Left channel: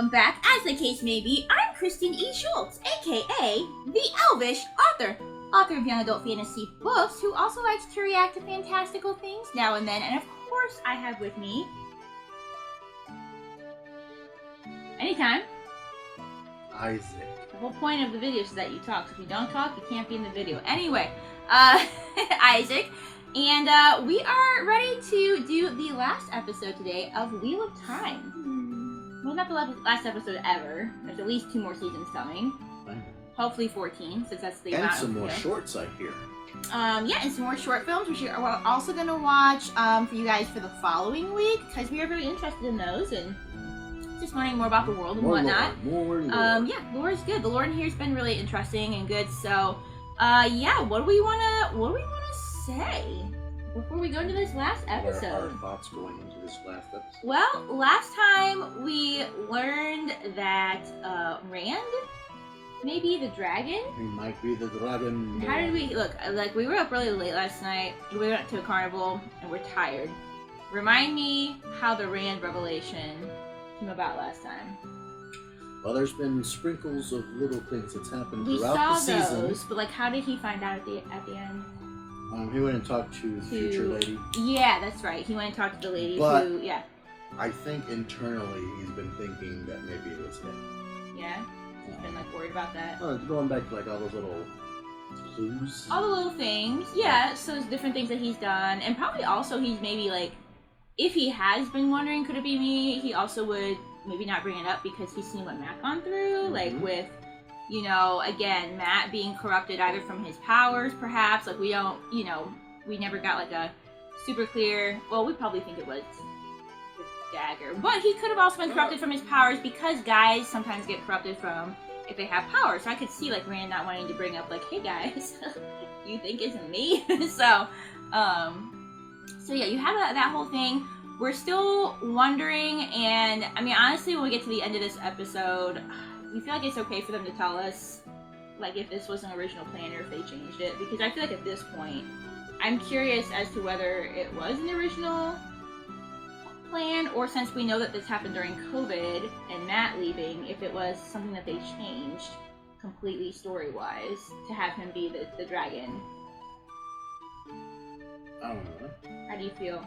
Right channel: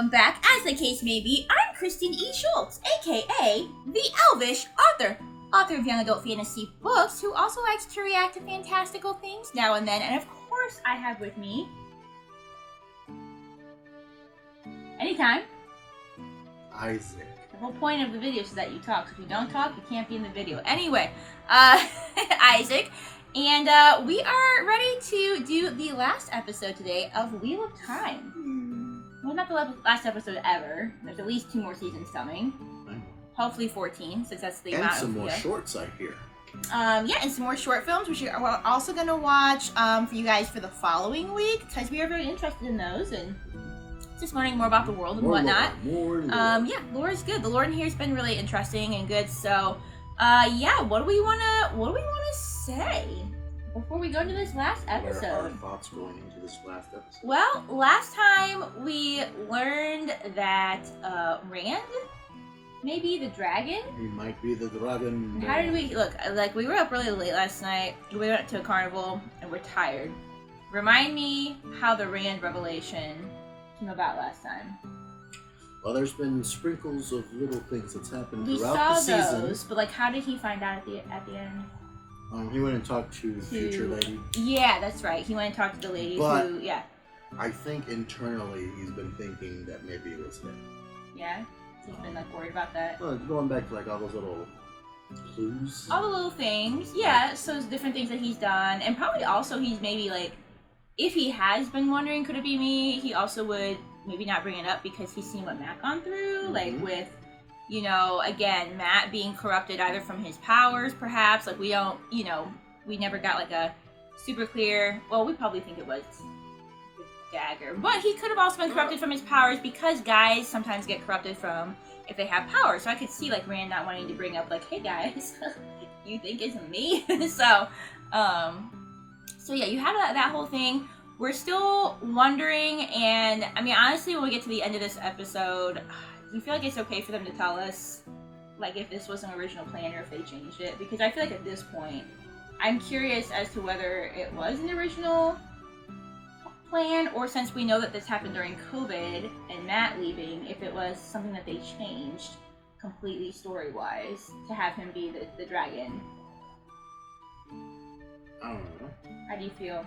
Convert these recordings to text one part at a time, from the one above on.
welcome back. As the case may be, I'm Christine E. Schulze, aka the Elvish author of young adult fantasy books, who also likes to react to fantastical things now and then. And of course, I have with me, anytime, Isaac. the whole point of the video is that you talk. So if you don't talk, you can't be in the video. Anyway, Isaac. And we are ready to do the last episode today of Wheel of Time. Well, not the last episode ever. There's at least 2 more seasons coming. Hopefully 14, since that's the amount. And some more shorts, I hear. Yeah, and some more short films, which we're also going to watch for you guys for the following week, because we are very interested in those, and just learning more about the world and whatnot. More lore. Yeah, lore is good. The lore in here has been really interesting and good, so, yeah, what do we want to say before we go to this last episode? What are our thoughts going into this last episode? Well, last time we learned that Rand may be the dragon. He might be the dragon. How did we look? Like, we were up really late last night. We went to a carnival and we're tired. Remind me how the Rand revelation came about last time. Well, there's been sprinkles of little things that's happened We throughout saw the season. those, but like, how did he find out at the end? He went and talked to Future Lady. Yeah, that's right. He went and talked to the lady But who, yeah. I think internally he's been thinking that maybe it was him. Yeah? He's been like worried about that. Well, going back to like all those little clues. All the little things, yeah. So there's different things that he's done, and probably also he's maybe like, if he has been wondering, could it be me? He also would maybe not bring it up because he's seen what Matt gone through, like with, you know, again, Matt being corrupted either from his powers, perhaps. Like, we don't, you know, we never got like a super clear. Well, we probably think it was the dagger, but he could have also been corrupted from his powers, because guys sometimes get corrupted from if they have powers. So I could see like Rand not wanting to bring up like, hey guys, you think it's me? So yeah, you have that whole thing. We're still wondering, and I mean, honestly, when we get to the end of this episode, we feel like it's okay for them to tell us, like, if this was an original plan or if they changed it, because I feel like at this point, I'm curious as to whether it was an original plan, or since we know that this happened during COVID and Matt leaving, if it was something that they changed completely story-wise to have him be the dragon. I don't know. How do you feel?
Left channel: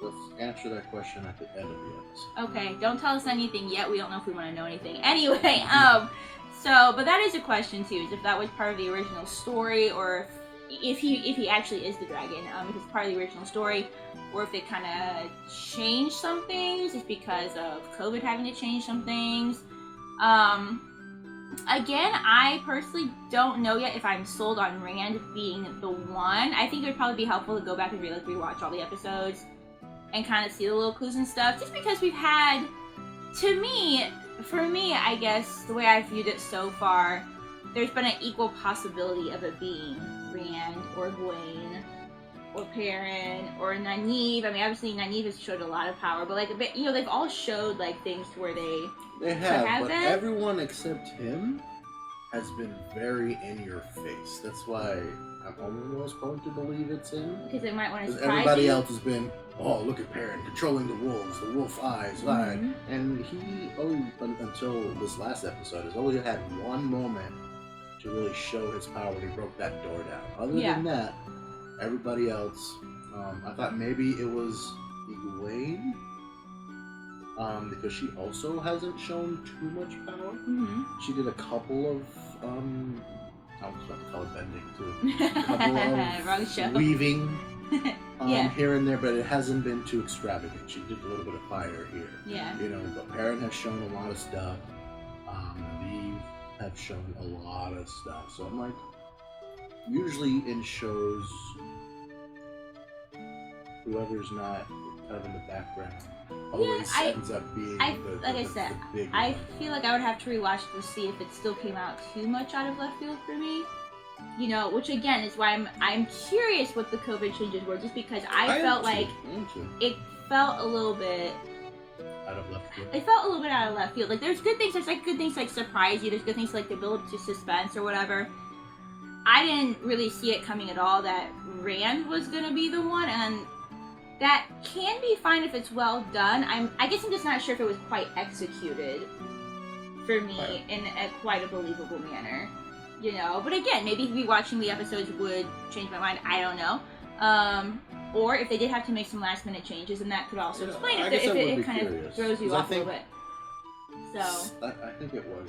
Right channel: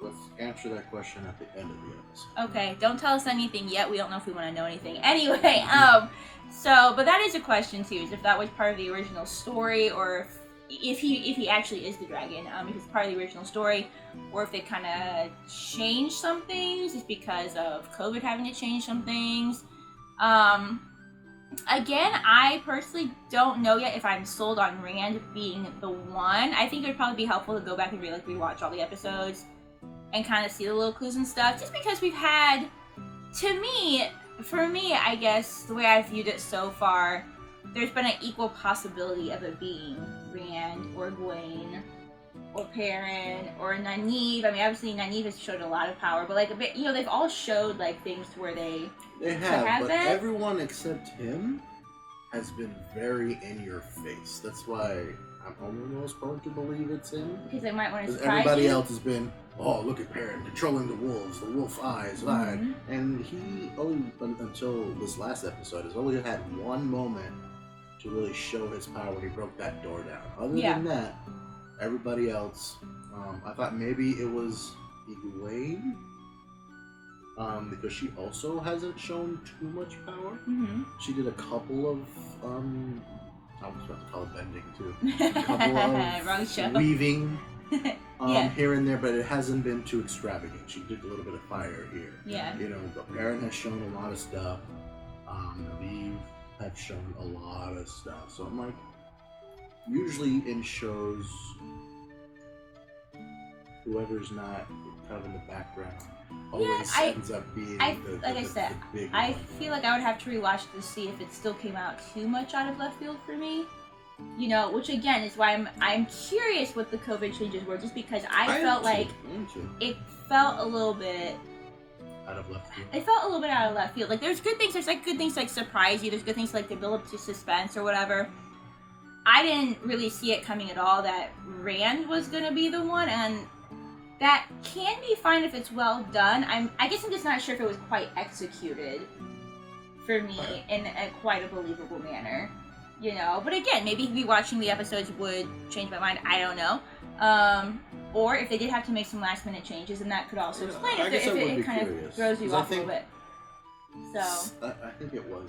Let's answer that question at the end of the episode. Okay, don't tell us anything yet. We don't know if we want to know anything. Anyway, but that is a question too, is if that was part of the original story, or if he actually is the dragon, if it's part of the original story, or if they kind of changed some things just because of COVID having to change some things. Again, I personally don't know yet if I'm sold on Rand being the one. I think it would probably be helpful to go back and rewatch all the episodes and kind of see the little clues and stuff, just because we've had, for me, I guess, the way I've viewed it so far, there's been an equal possibility of it being Rand, or Egwene, or Perrin, or Nynaeve. I mean, obviously Nynaeve has showed a lot of power, but like, a bit, you know, they've all showed like things where they have but been. Everyone except him has been very in your face. That's why I'm almost going to believe it's him. Because they might want to surprise everybody you. else has been, oh, look at Perrin controlling the wolves, the wolf eyes, and he only, until this last episode, has only had one moment to really show his power when he broke that door down. Other than that, everybody else, I thought maybe it was Egwene, because she also hasn't shown too much power. She did a couple of, I was about to call it bending too. A couple of weaving here and there, but it hasn't been too extravagant. She did a little bit of fire here. Yeah. You know, but Perrin has shown a lot of stuff. Nynaeve have shown a lot of stuff. So I'm like, usually in shows, whoever's not kind of in the background always ends up being the big I one. feel like I would have to rewatch to see if it still came out too much out of left field for me. You know, which again is why I'm curious what the COVID changes were, just because I felt like it felt a little bit out of left field. It felt a little bit out of left field. Like, there's good things. There's like good things like surprise you. There's good things like the build up to suspense or whatever. I didn't really see it coming at all that Rand was gonna be the one, and that can be fine if it's well done. I guess I'm just not sure if it was quite executed for me in a quite a believable manner, you know. But again, maybe rewatching the episodes would change my mind. I don't know. Or if they did have to make some last minute changes, and that could also explain if it kind of throws you off a little bit. So I think it was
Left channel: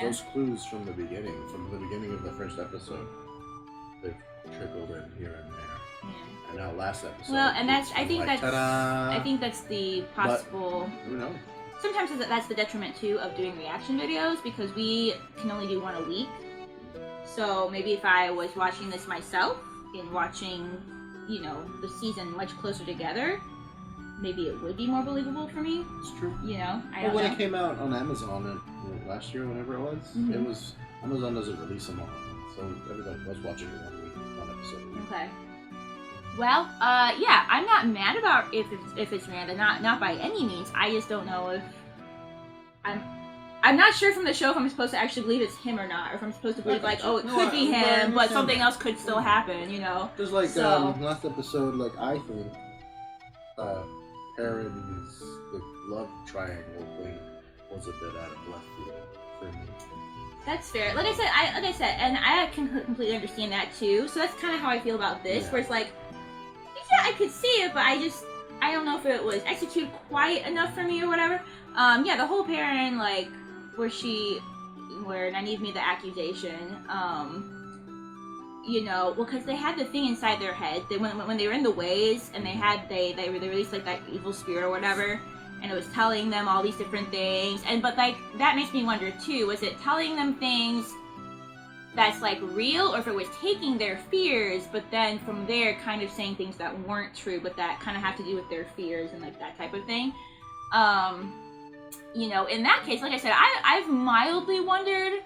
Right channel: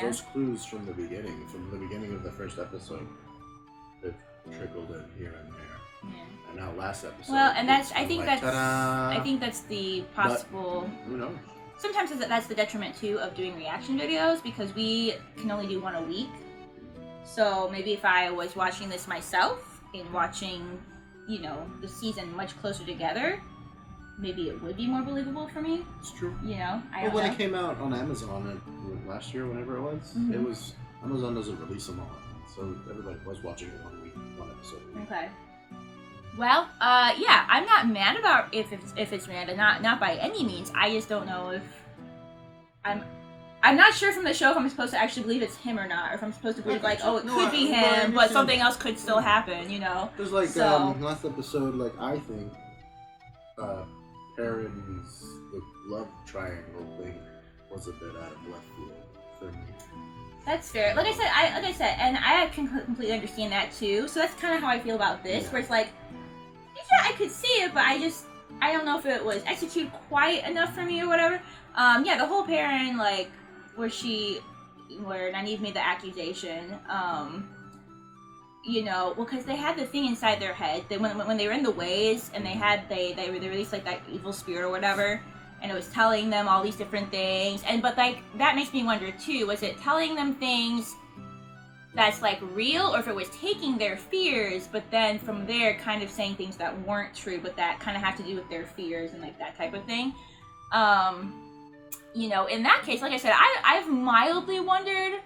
those clues from the beginning of the first episode, they've trickled in here and there. Yeah. And now last episode. Well, and I think that's the possible. But, who knows? Sometimes that's the detriment too of doing reaction videos, because we can only do one a week. So maybe if I was watching this myself and watching, you know, the season much closer together, maybe it would be more believable for me. It's true. You know, when it came out on Amazon last year, whenever it was, it was Amazon doesn't release them all, so everybody was watching it 1 week, one episode a week. Okay. Well, yeah, I'm not mad about if it's random, not by any means. I just don't know if I'm not sure from the show if I'm supposed to actually believe it's him or not, or if I'm supposed to believe it could be him, but something else could still happen, you know. There's last episode, I think Perrin's the love triangle thing was a bit out of left field for me. That's fair. Like I said, and I can completely understand that too. So that's kind of how I feel about this, where it's like, yeah, I could see it, but I don't know if it was executed quite enough for me or whatever. Yeah, the whole Perrin, where Nynaeve made the accusation, you know, well, because they had the thing inside their head. When they were in the ways, and they released that evil spirit or whatever, and it was telling them all these different things. But that makes me wonder too, was it telling them things that's real, or if it was taking their fears, but then from there kind of saying things that weren't true, but that kind of have to do with their fears and that type of thing. You know, in that case, like I said, I've mildly wondered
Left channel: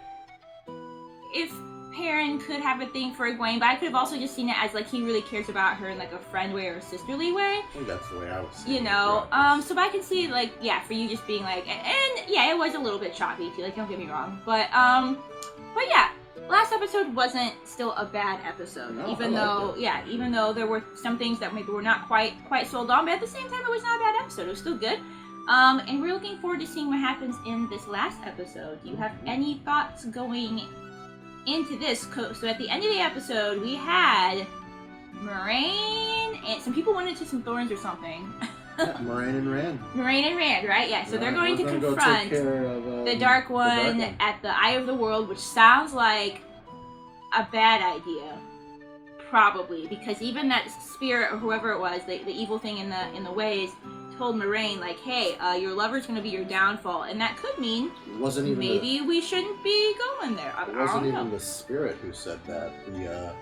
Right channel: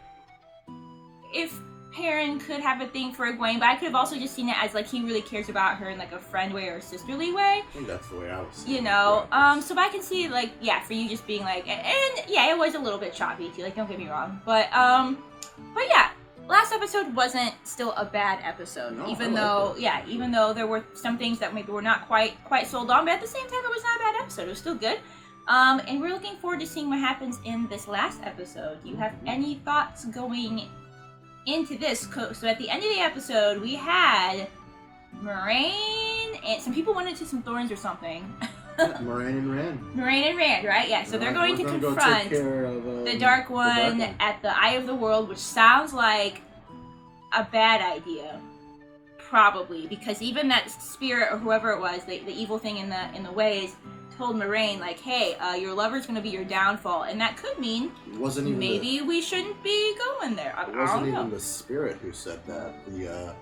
if Perrin could have a thing for Egwene, but I could have also just seen it as he really cares about her in a friend way or a sisterly way. I think that's the way I was seeing it. You know, so I can see yeah, for you just being and yeah, it was a little bit choppy too, don't get me wrong, but yeah, last episode wasn't still a bad episode, no, even though there were some things that maybe were not quite sold on, but at the same time it was not a bad episode. It was still good. And we're looking forward to seeing what happens in this last episode. Do you have any thoughts going into this? So at the end of the episode, we had Moraine, and some people went into some thorns or something. Moraine and Rand. Moraine and Rand, right? Yeah, so they're going to confront the Dark One at the Eye of the World, which sounds like a bad idea. Probably, because even that spirit or whoever it was, the evil thing in the ways, told Moraine hey, your lover's going to be your downfall, and that could mean maybe we shouldn't be going there. It wasn't even the spirit who said that. The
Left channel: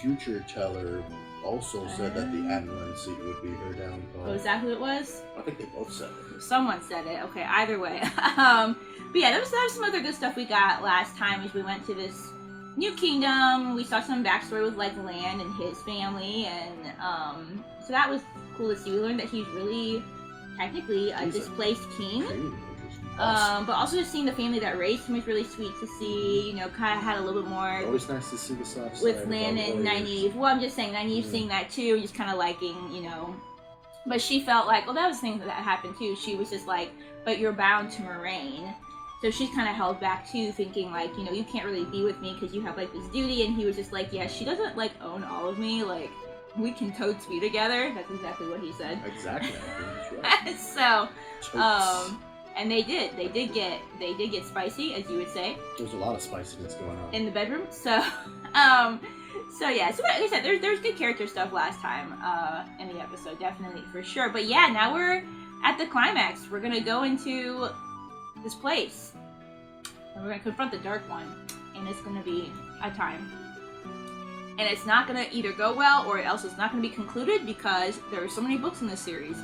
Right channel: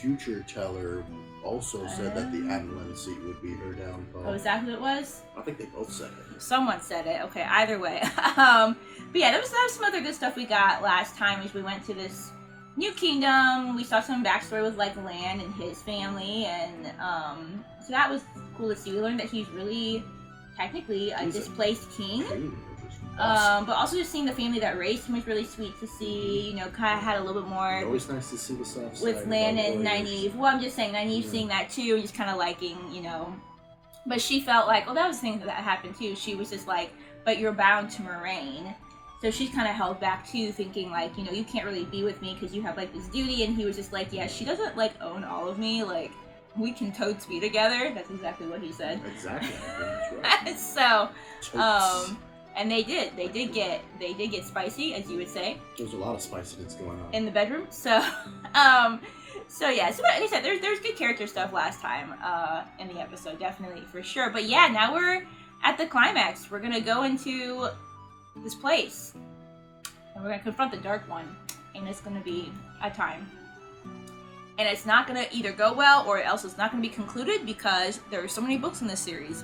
future teller also said that the Adeline seat would be her downfall. Oh, is that who it was? I think they both said it. Someone said it. Okay, either way. But yeah, there was some other good stuff we got last time as we went to this new kingdom. We saw some backstory with Lan and his family, and so that was cool to see. We learned that he's really technically a displaced king. But also just seeing the family that raised him was really sweet to see. You know, kind of had a little bit more. Always nice to see the soft side with Lan and Nynaeve. Well, I'm just saying Nynaeve seeing that too, and just kind of liking, you know. But she felt that was the thing that happened too. She was just but you're bound to Moraine. So she's kind of held back too, thinking you know, you can't really be with me because you have this duty. And he was just yeah, she doesn't own all of me. We can totes be together. That's exactly what he said. Exactly. That's right. So, and they did get spicy, as you would say. There's a lot of spiciness going on in the bedroom. So, so yeah. So like I said, there's good character stuff last time in the episode, definitely for sure. But yeah, now we're at the climax. We're gonna go into this place, and we're gonna confront the Dark One, and it's gonna be a time. And it's not gonna either go well, or else it's not gonna be concluded, because there are so many books in this series.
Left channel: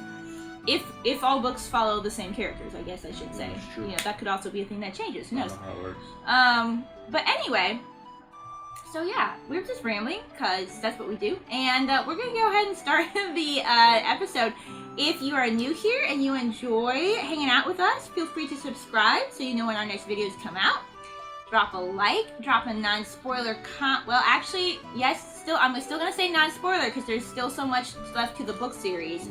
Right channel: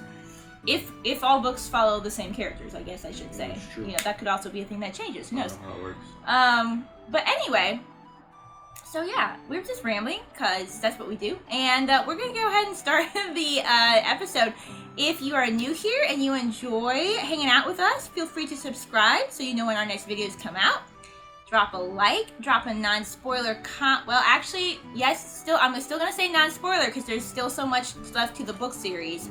If all books follow the same characters, I guess I should say. True. You know, that could also be a thing that changes. Who knows? I don't know how it works. But anyway, so yeah, we're just rambling because that's what we do, and we're gonna go ahead and start the episode. If you are new here and you enjoy hanging out with us, feel free to subscribe so you know when our next videos come out. Drop a like, drop a non-spoiler well, actually, yes, I'm still gonna say non-spoiler because there's still so much stuff to the book series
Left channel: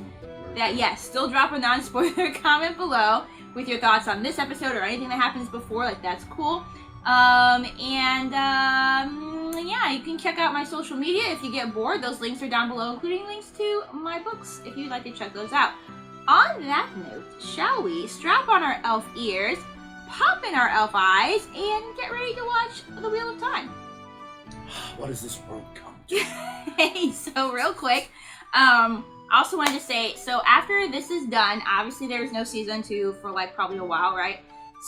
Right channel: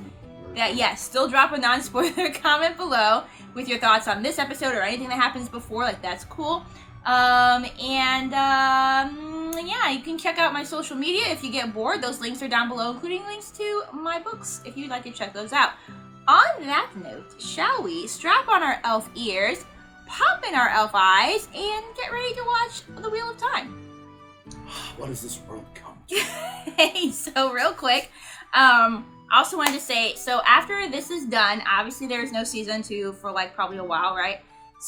that, yes, still drop a non-spoiler comment below. with your thoughts on this episode or anything that happens before. Like, that's cool. Yeah, you can check out my social media if you get bored. Those links are down below, including links to my books if you'd like to check those out. On that note, shall we strap on our elf ears, pop in our elf eyes, and get ready to watch The Wheel of Time? What does this world come to? Hey, so real quick, also wanted to say, so after this is done, obviously there's no season 2 for like probably a while, right?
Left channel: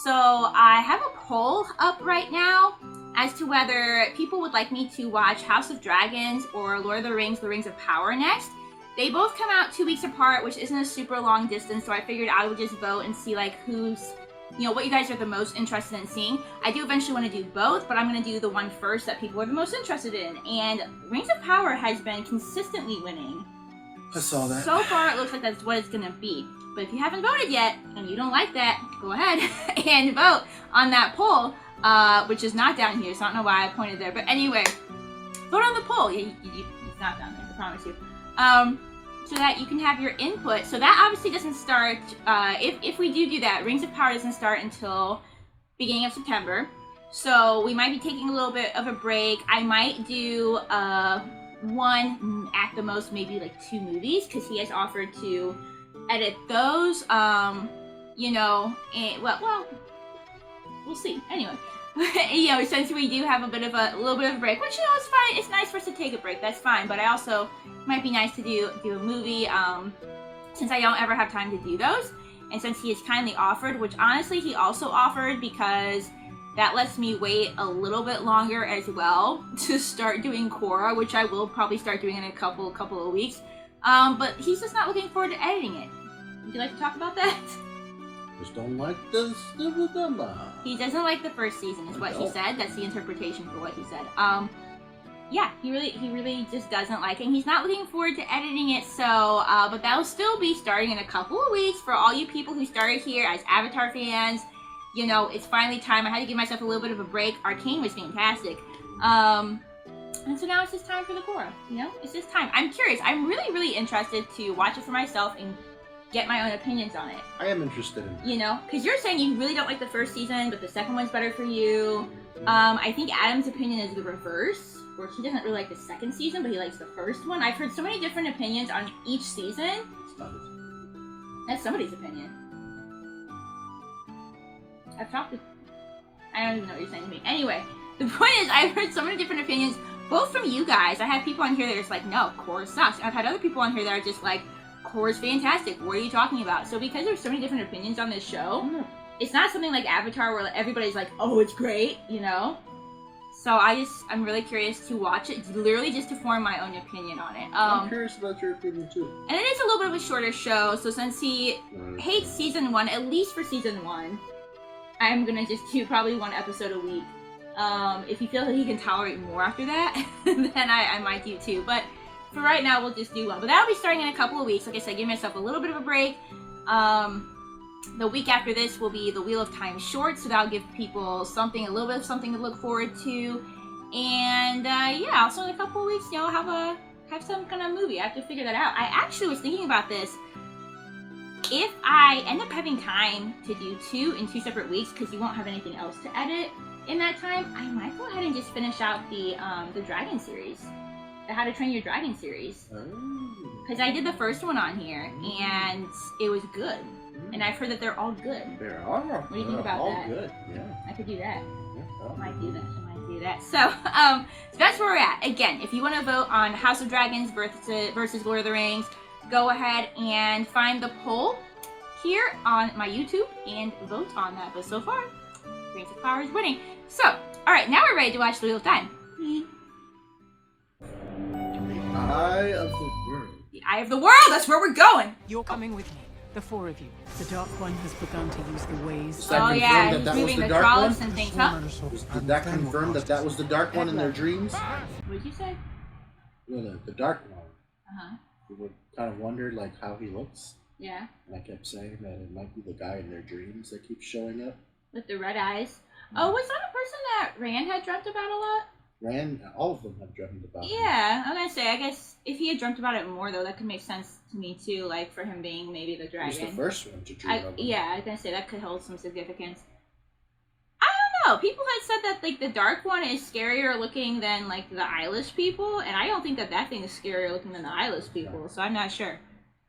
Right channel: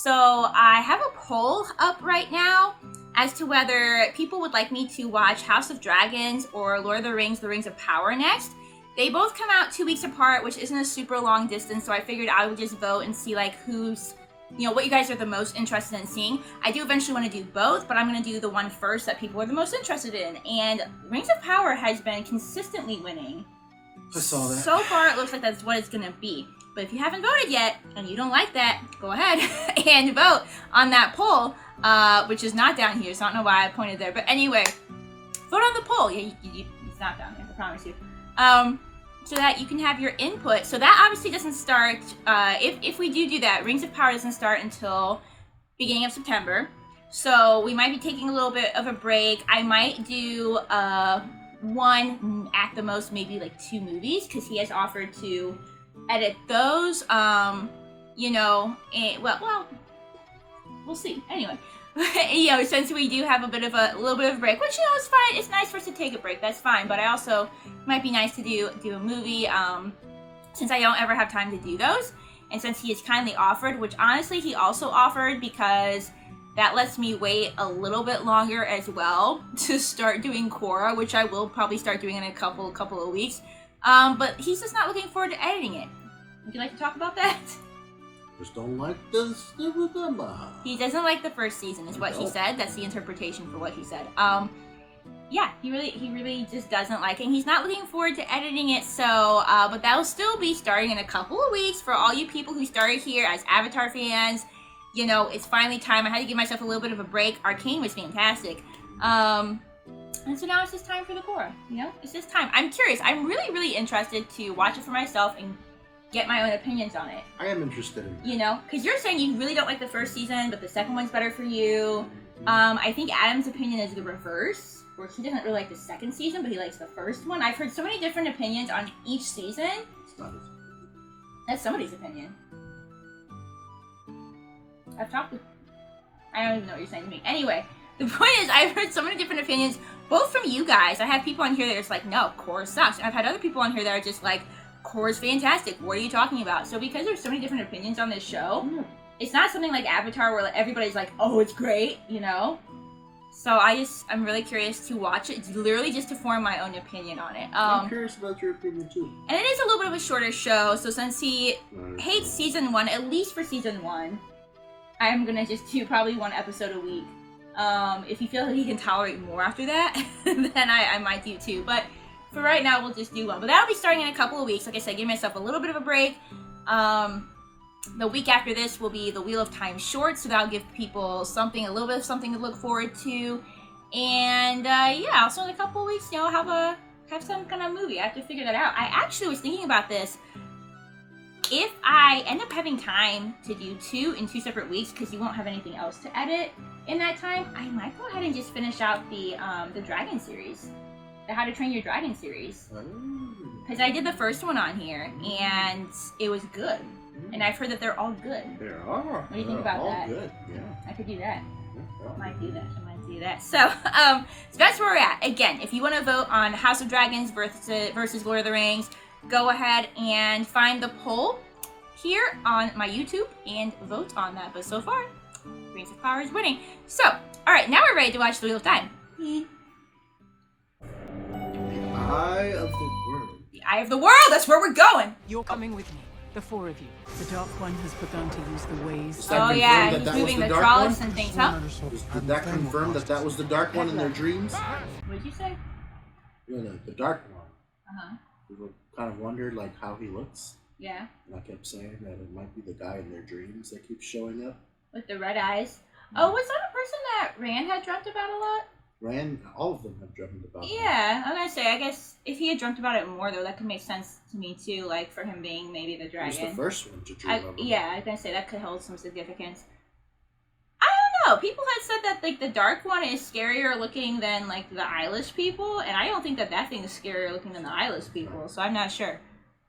So I have a poll up right now as to whether people would like me to watch House of Dragons or Lord of the Rings of Power next. They both come out 2 weeks apart, which isn't a super long distance, so I figured I would just vote and see like who's, you know, what you guys are the most interested in seeing. I do eventually want to do both, but I'm going to do the one first that people are the most interested in. And Rings of Power has been consistently winning. I saw that. So far, it looks like that's what it's going to be. But if you haven't voted yet, and you don't like that, go ahead and vote on that poll, which is not down here, so I don't know why I pointed there. But anyway, vote on the poll. Yeah, it's not down there, I promise you. So that you can have your input. So that obviously doesn't start, if we do that, Rings of Power doesn't start until beginning of September. So we might be taking a little bit of a break. I might do one, at the most, maybe like 2 movies, because he has offered to edit those, you know, and, well, we'll see. Anyway, you know, since we do have a little bit of a break, which, you know, is fine. It's nice for us to take a break. That's fine. But I also might be nice to do a movie, since I don't ever have time to do those, and since he has kindly offered, which honestly he also offered because that lets me wait a little bit longer as well to start doing Korra, which I will probably start doing in a couple of weeks. But he's just not looking forward to editing it. Would you like to talk about that? Just don't like this. He doesn't like the first season, is what he said. That's the interpretation for what he said. Yeah, he really just doesn't like it. And he's not looking forward to editing it. So, but that'll still be starting in a couple of weeks for all you people who started here as Avatar fans. You know, it's finally time. I had to give myself a little bit of a break. Arcane was fantastic. And so now it's just time for the Korra, you know? It's just time. I'm curious. I'm really interested to watch it for myself and get my own opinions on it. I am interested in that. You know? Because you're saying you really don't like the first season, but the second one's better for you. I think Adam's opinion is the reverse, where he doesn't really like the second season, but he likes the first one. I've heard so many different opinions on each season. It's not his. That's somebody's opinion. I've talked to... I don't even know what you're saying to me. Anyway, the point is, I've heard so many different opinions, both from you guys. I have people on here that are just like, no, Korra sucks. I've had other people on here that are just like, Korra's fantastic. What are you talking about? So because there's so many different opinions on this show, it's not something like Avatar where like, everybody's like, oh, it's great, you know? So I'm really curious to watch it, literally just to form my own opinion on it. I'm curious about your opinion too. And it is a little bit of a shorter show, so since he hates season 1, at least for season 1, I'm gonna just do probably 1 episode a week. If he feels like he can tolerate more after that, then I might do 2. But for right now, we'll just do 1. But that'll be starting in a couple of weeks. Like I said, give myself a little bit of a break. The week after this will be the Wheel of Time shorts, so that'll give people a little bit of something to look forward to. And yeah, also in a couple of weeks, you know, have some kind of movie. I have to figure that out. I actually was thinking about this. If I end up having time to do 2 in 2 separate weeks, because you won't have anything else to edit in that time, I might go ahead and just finish out the Dragon series, the How to Train Your Dragon series. Because I did the first one on here, and it was good. And I've heard that they're all good. They are. What do you think about that? All good, yeah. I could do that. Yeah, I might do that. So that's where we're at. Again, if you want to vote on House of Dragons versus Lord of the Rings, go ahead and find the poll here on my YouTube and vote on that. But so far, Rings of Power is winning. So, alright, now we're ready to watch The Wheel of Time. The Eye of the World. The Eye of the World! That's where we're going! You're coming with me, the 4 of you. The Dark One has begun to use the ways. That Oh yeah, that he's was moving the the Dark trolls One? and things, huh? Did that confirm that was the Dark One in their dreams? What did you say? Yeah, the Dark One. Uh-huh. People kind of wondered like how he looks. Yeah. And I kept saying that it might be the guy in their dreams that keeps showing up. With the red eyes. Oh, was that a person that Rand had dreamt about a lot? All of them have dreamt about him. Yeah, I'm gonna say, I guess if he had dreamt about it more, though, that could make sense to me too, like for him being maybe the dragon. He was the first one to dream of him. Yeah, I was gonna say that could hold some significance. I don't know. People had said that like the Dark One is scarier looking than like the eyeless people, and I don't think that thing is scarier looking than the eyeless people. So I'm not sure,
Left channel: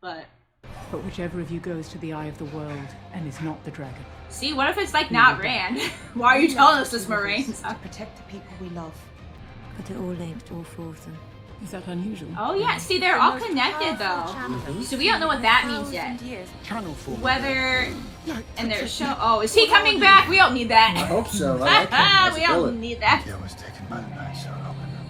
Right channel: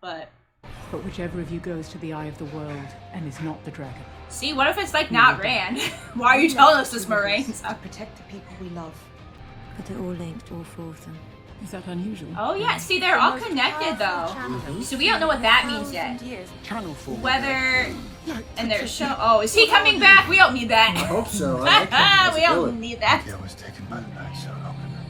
but whichever of you goes to the Eye of the World and is not the dragon. See, what if it's like not Rand? Why are you telling us this, Moraine? To protect the people we love. But they're all linked, all four of them. Is that unusual? Oh yeah, see, they're all connected though. So we don't know what that means yet. Channel for whether and there's show. Oh, is he coming back? We don't need that. I hope so. I like him. We don't need that. I was taken by the night so long ago.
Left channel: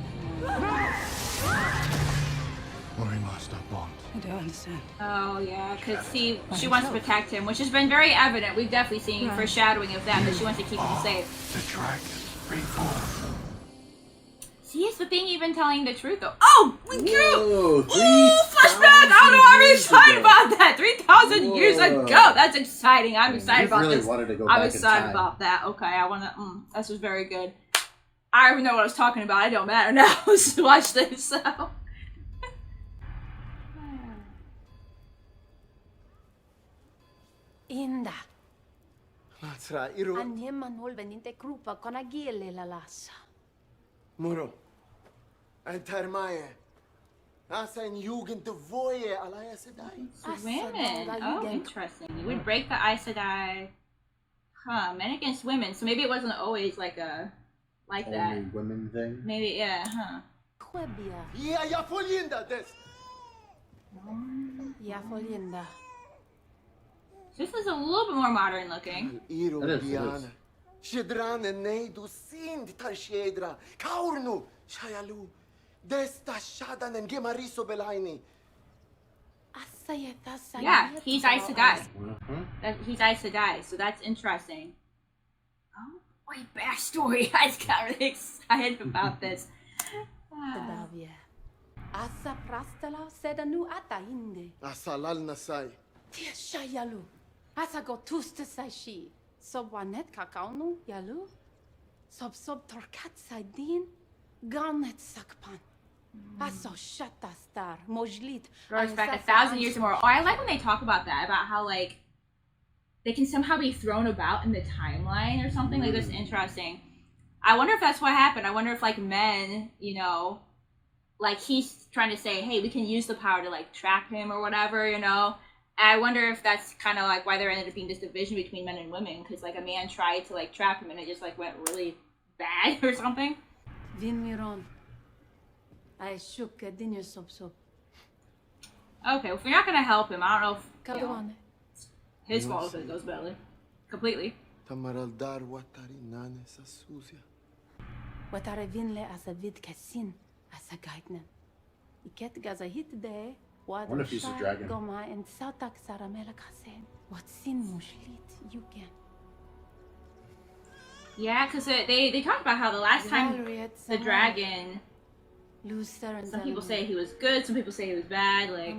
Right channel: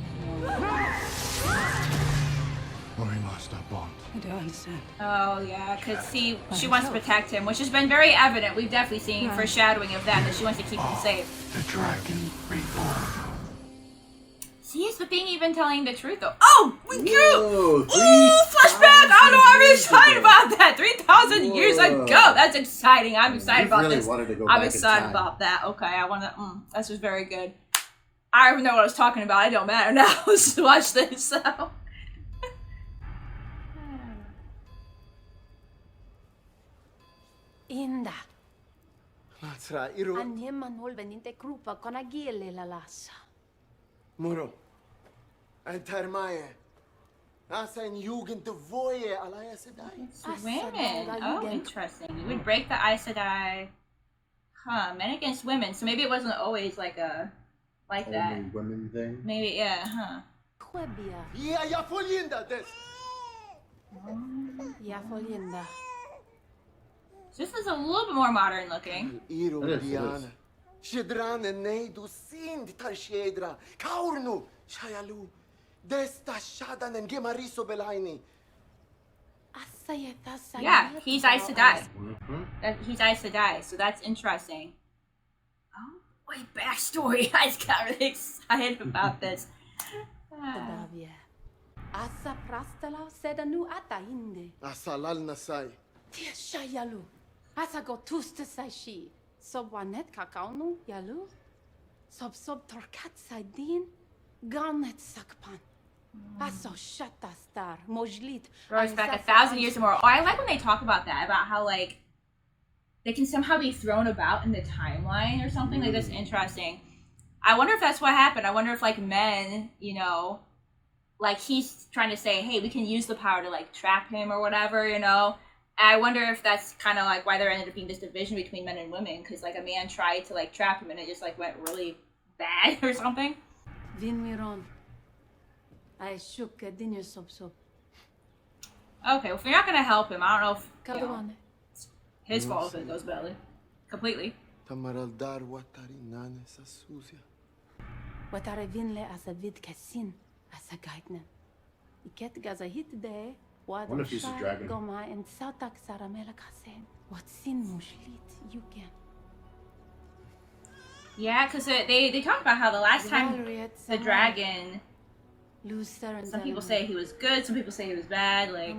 We lost our bond. I don't understand. Oh yeah, because she wants to protect him, which has been very evident. We've definitely seen foreshadowing of that she wants to keep him safe. The dragon reborn. See, is the thing even telling the truth though? Oh, we do! Whoa, Flashback! I don't know. I'm excited about that. 3,000 years ago. That's exciting. I'm excited about really this. Wanted to go I'm back excited in time. about that. Okay, I wanna. This was very good. I don't even know what I was talking about. It don't matter now. Let's watch this. So. Inda. Latra, iru. Anjeman holveninte krupa kona gele la lassa. Muro. Entermae. Asa in Jugend de Voye alaya sedai. Women. Oh, interesting. You would break the Aes Sedai. Huh, men against women. So maybe it wasn't always like that. Only women thing? Maybe, yeah, huh. Quebia. Ya folinda des. Ya folinda. This is a little bit more modern looking. Iru Diana. Shedran nei du sind tarshedra. Kaurnu shayalu. Desta shadan en gemariso belaini. Yeah, he's Aes Sedai. He's Aes Sedai, so that's interesting. Oh, wait, backstory. I just got really excited about this. Asa prastala sedanu ata inde. Asalal nasai. Tia shayalu. Asa go tuste sashi. Sobwanet kakaunu yalu. Sob torkat saidin. Ganet sakpan. Aso shata star. Mojlit. Goes back 1,000 years or more. Oh, I like when they talk about that, about how like they can somehow be thrown about in the timeline or something. Like that's interesting. I wonder if that's what happened. I wonder if like men, you know, like he's trying to say, hey, we can use the power to like trap him or whatever, you know. I wonder if that's kind of like why there ended up being this division between men and women, because like a man tried to like trap him and it just like went really bad or something. Vinmiron. I shook dinner sob. Okay, well, if you're not gonna help him, I don't know if you know, Kaduane. his fault if it goes badly. Completely. Tamaral dar watari nane sa suzia. Watare vinle as a vid kasin as a guidnen. Iket gaza hit de. What if he's a dragon? Goma and sautak saramela kasen. What sin mushlit you can. Yeah, because they talk about how the last time the dragon. Some people say he was good, some people say he was bad. Like,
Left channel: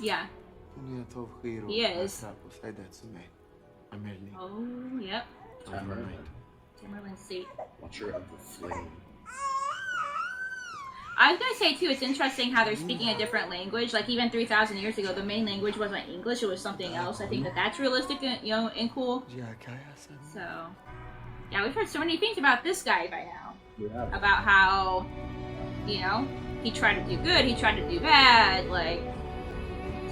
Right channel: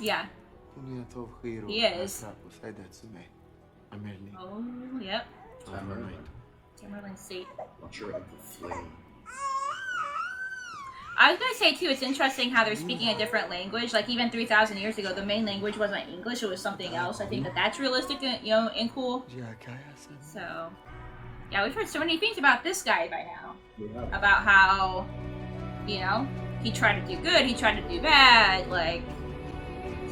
yeah. He is. Oh, yep. Tamerlane's seat. Watcher of the Flame. I was gonna say too, it's interesting how they're speaking a different language. Like even 3,000 years ago, the main language wasn't English; it was something else. I think that's realistic, and, you know, and cool. So, yeah, we've heard so many things about this guy by now. Yeah. About how, you know, he tried to do good, he tried to do bad, like.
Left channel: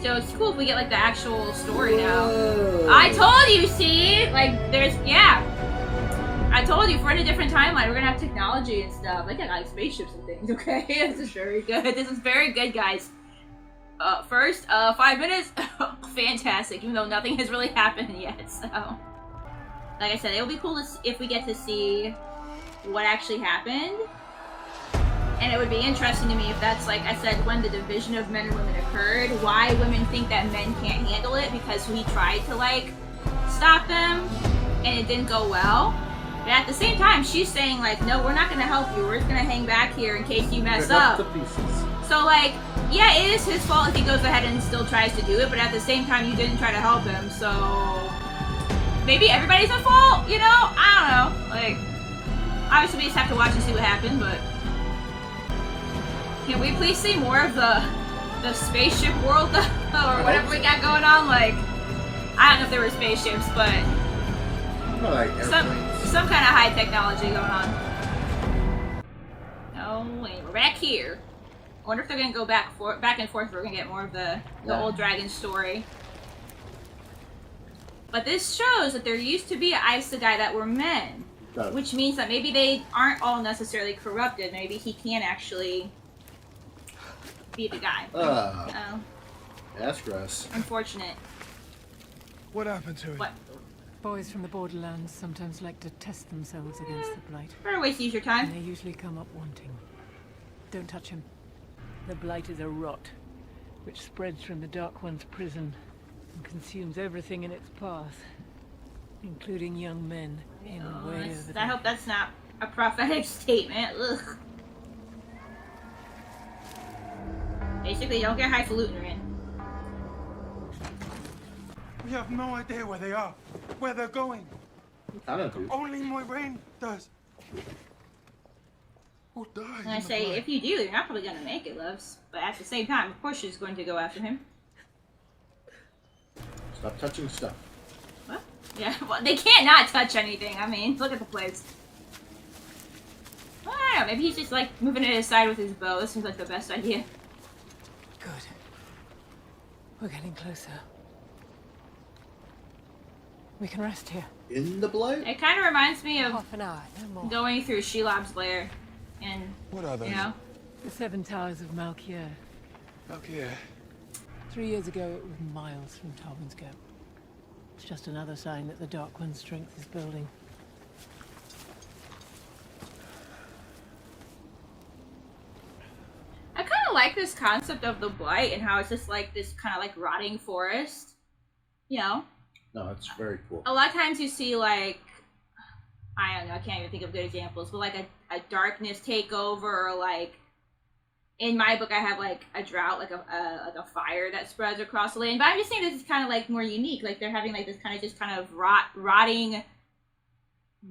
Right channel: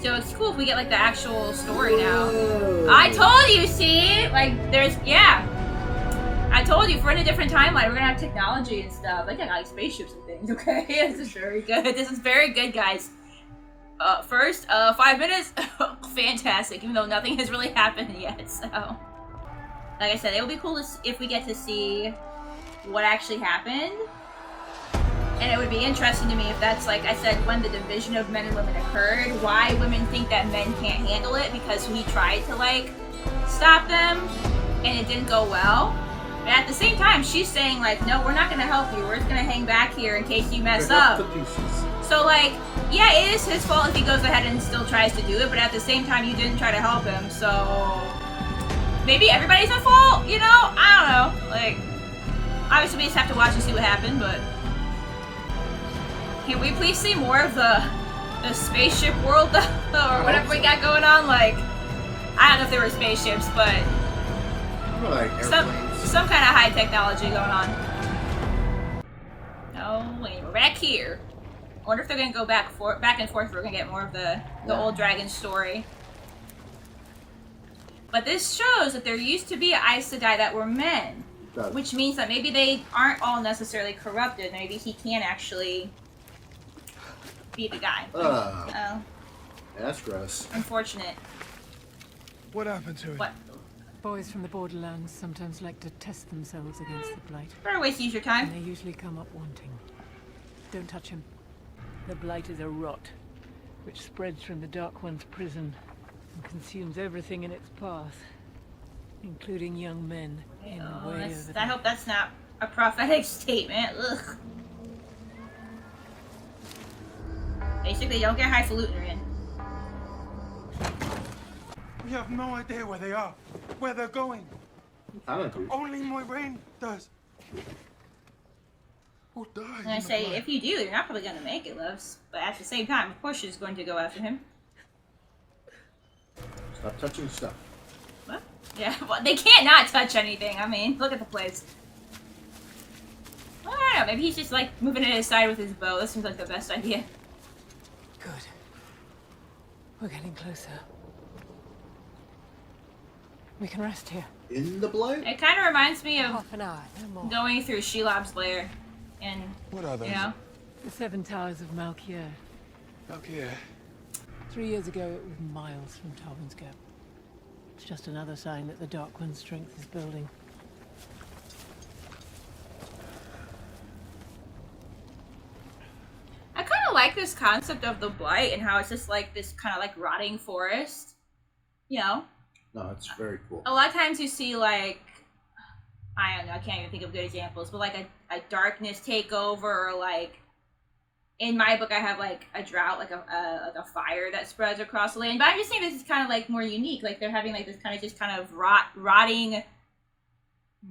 So it's cool if we get like the actual story now. I told you, see, like there's I told you, if we're in a different timeline, we're gonna have technology and stuff. Like I got like spaceships and things, okay? This is very good. This is very good, guys. First, 5 minutes, fantastic, even though nothing has really happened yet, so. Like I said, it'll be cool if we get to see what actually happened. And it would be interesting to me if that's, like I said, when the division of men and women occurred, why women think that men can't handle it, because we tried to, like, stop them, and it didn't go well. But at the same time, she's saying, like, no, we're not going to help you. We're just going to hang back here in case you mess up. So, like, yeah, it is his fault if he goes ahead and still tries to do it, but at the same time, you didn't try to help him, so maybe everybody's at fault, you know? I don't know. Like, Obviously, we just have to watch and see what happened, but can we please see more of the spaceship world or whatever we got going on? Like, I don't know if there were spaceships, but like airplanes. some kind of high technology going on. Oh, wait, we're back here. I wonder if they're gonna go back and forth. We're gonna get more of the old dragon story. But this shows that there used to be Aes Sedai that were men, which means that maybe they aren't all necessarily corrupted. Maybe he can actually be the guy. That's gross. Unfortunate. What happened to him? What? Boys from the borderlands sometimes like to test themselves against the blight. Better waste use your time. And they usually come up wanting. Don't touch him. The blight is a rot, which spreads from the Dark One's prison and consumes everything in its path, including young men in way over there. I hope that's not a prophetic statement. Ugh. Basically, don't get highfalutin, Rand. We have no idea where they are, where they're going. I don't know. Only Moraine does. Who died? I'm gonna say, if you do, you're not probably gonna make it, loves. But at the same time, of course, she's going to go after him. Stop touching stuff. What? Yeah, well, they can't not touch anything. I mean, look at the place. Well, I don't know. Maybe he's just like moving it aside with his bow. This seems like the best idea. Good. We're getting closer. We can rest here. In the blight? It kind of reminds me of Half an hour, no more. going through Shelob's lair, and What are those? you know, The 7 Towers of Malkier. Okay. 3 years ago, it was miles from Tobin's Gap. It's just another sign that the Dark One's strength is building. I kind of like this concept of the blight and how it's just like this kind of like rotting forest. You know, No, it's very cool. a lot of times you see like, I don't know, I can't even think of good examples, but like a darkness takeover, or like in my book I have like a drought, like a fire that spreads across the land. But I'm just saying this is kind of like more unique. Like they're having like this kind of just kind of rotting,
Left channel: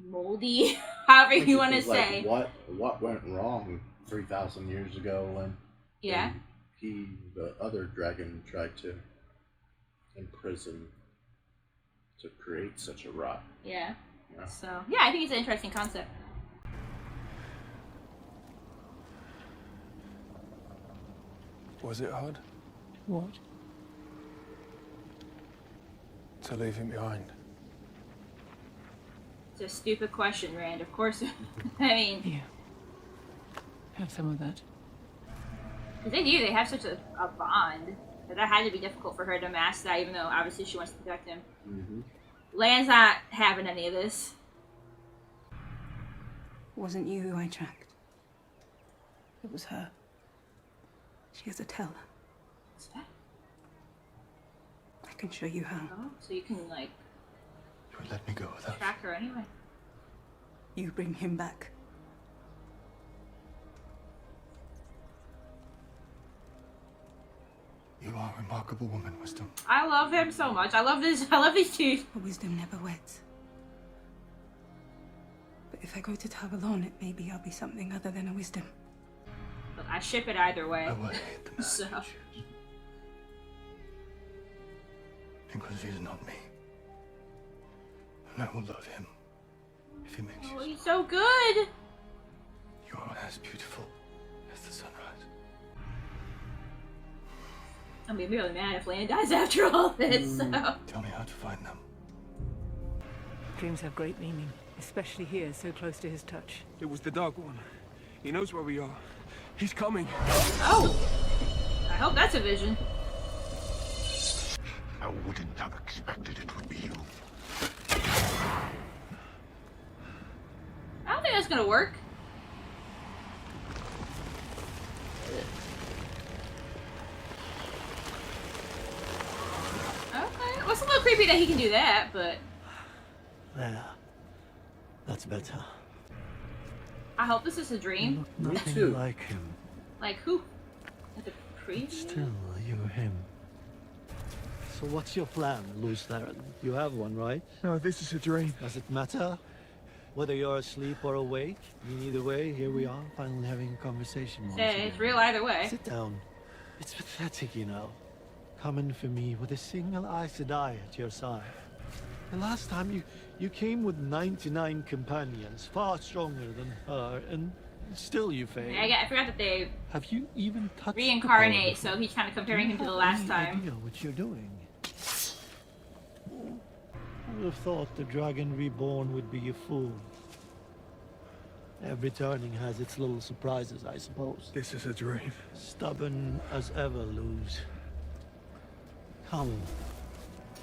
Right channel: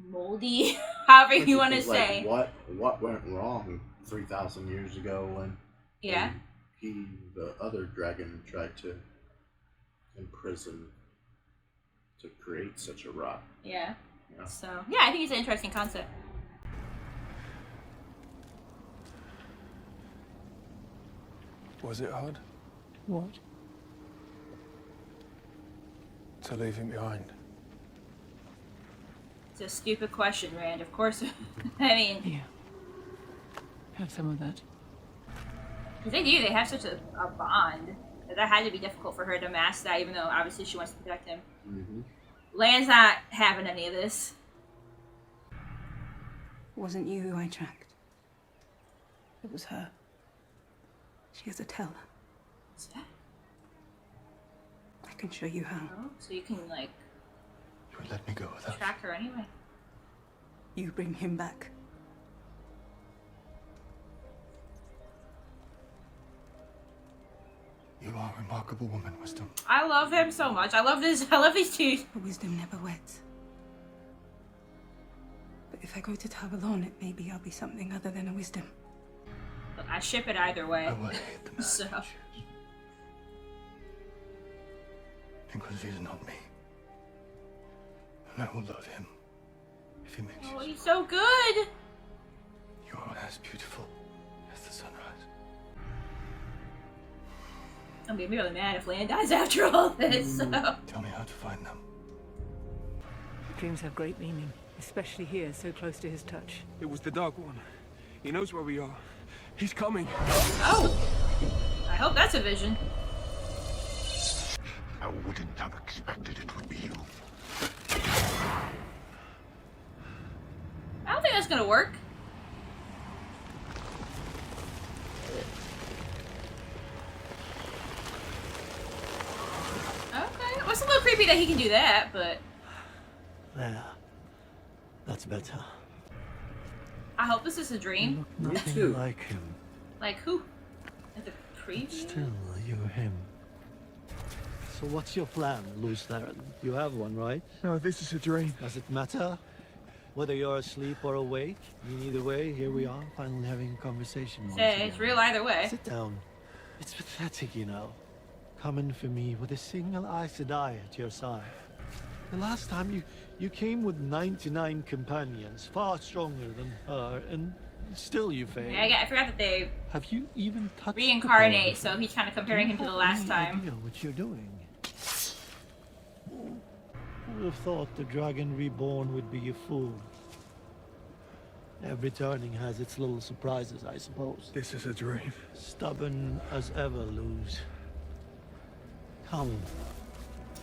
moldy, however you want to say. What went wrong 3,000 years ago when the other dragon tried to imprison to create such a rot. Yeah. So yeah, I think it's an interesting concept. Was it hard What? to leave him behind? It's a stupid question, Rand. Of course. I mean, Here. Have some of that. because they have such a bond that had to be difficult for her to mask that, even though obviously she wants to protect him. Mm-hmm. Lan's not having any of this. It wasn't you who I tracked. It was her. She has a teller. What's that? I can show you how. Oh, so you can like You would let me go without. track her anyway. You bring him back. You are a remarkable woman, Wisdom. I love him so much. I love this. I love these two. A wisdom never weds. But if I go to Tarvalon, it maybe I'll be something other than a wisdom. Look, I ship it either way. I will hate the man So. you choose. Because he's not me. And I will love him if he makes Oh, you he's so good. You are as beautiful as the sunrise. I'm gonna be really mad if Lan dies after all this. So. Tell me how to find them. Dreams have great meaning, especially here, so close to his touch. It was the Dark One. He knows where we are. He's coming. Oh, I hope that's a vision. I wouldn't have expected it would be you. I don't think that's gonna work. Okay, well, it's a little creepy that he can do that, but There. That's better. I hope this is a dream. Nothing too. like him. Like who? Like the preview? Still, you're him. So what's your plan, Luz Theron? You have one, right? No, this is a dream. Does it matter? Whether you're asleep or awake, I mean, either way, here we are, finally having a conversation once Hey, again. it's real either way. Sit down. It's pathetic, you know. Coming for me with a single Aes Sedai at your side. The last time you came with 99 companions, far stronger than her, and still you failed. I forgot that they Have you even touched reincarnate, the power so he's kind of comparing Do him to you the have last any time. idea what you're doing? Who would have thought the dragon reborn would be a fool? Every turning has its little surprises, I suppose. This is a dream. Stubborn as ever, Luz. Come,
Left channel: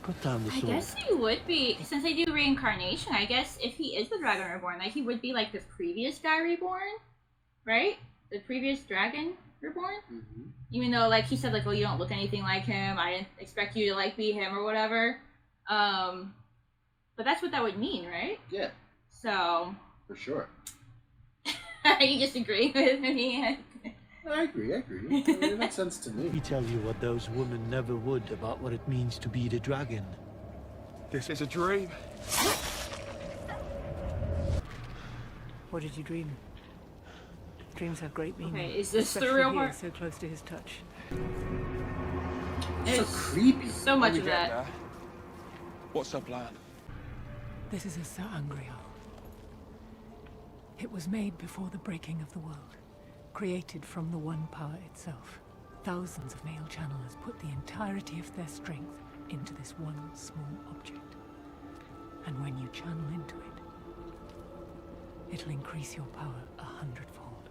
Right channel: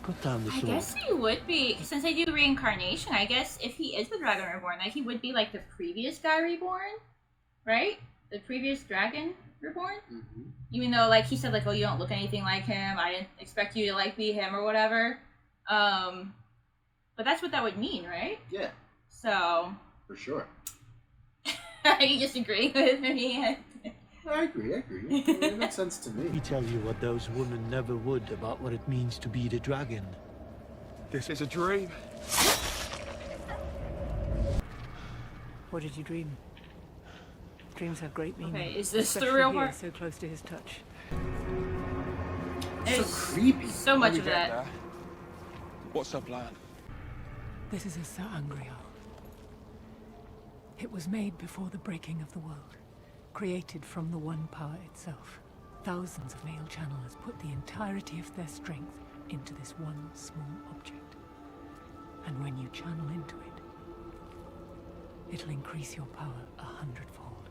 put down the I sword. guess he would be, since they do reincarnation, I guess if he is the dragon reborn, like he would be like the previous guy reborn, right? The previous dragon reborn? Mm-hmm. Even though, like, he said, like, oh, you don't look anything like him, I didn't expect you to, like, be him or whatever. But that's what that would mean, right? Yeah, So, for sure. are you just agreeing with me? I agree. It makes sense to Let me me. tell you what those women never would about what it means to be the dragon. This is a dream. What did you dream? Dreams have great meaning. Okay, is this the especially real here, part? so close to his touch. So There's creepy. so When much we of get that. there, what's our plan? This is a Sa'angreal. It was made before the breaking of the world, created from the One Power itself. Thousands of male channelers put the entirety of their strength into this one small object. And when you channel into it, it'll increase your power 100-fold.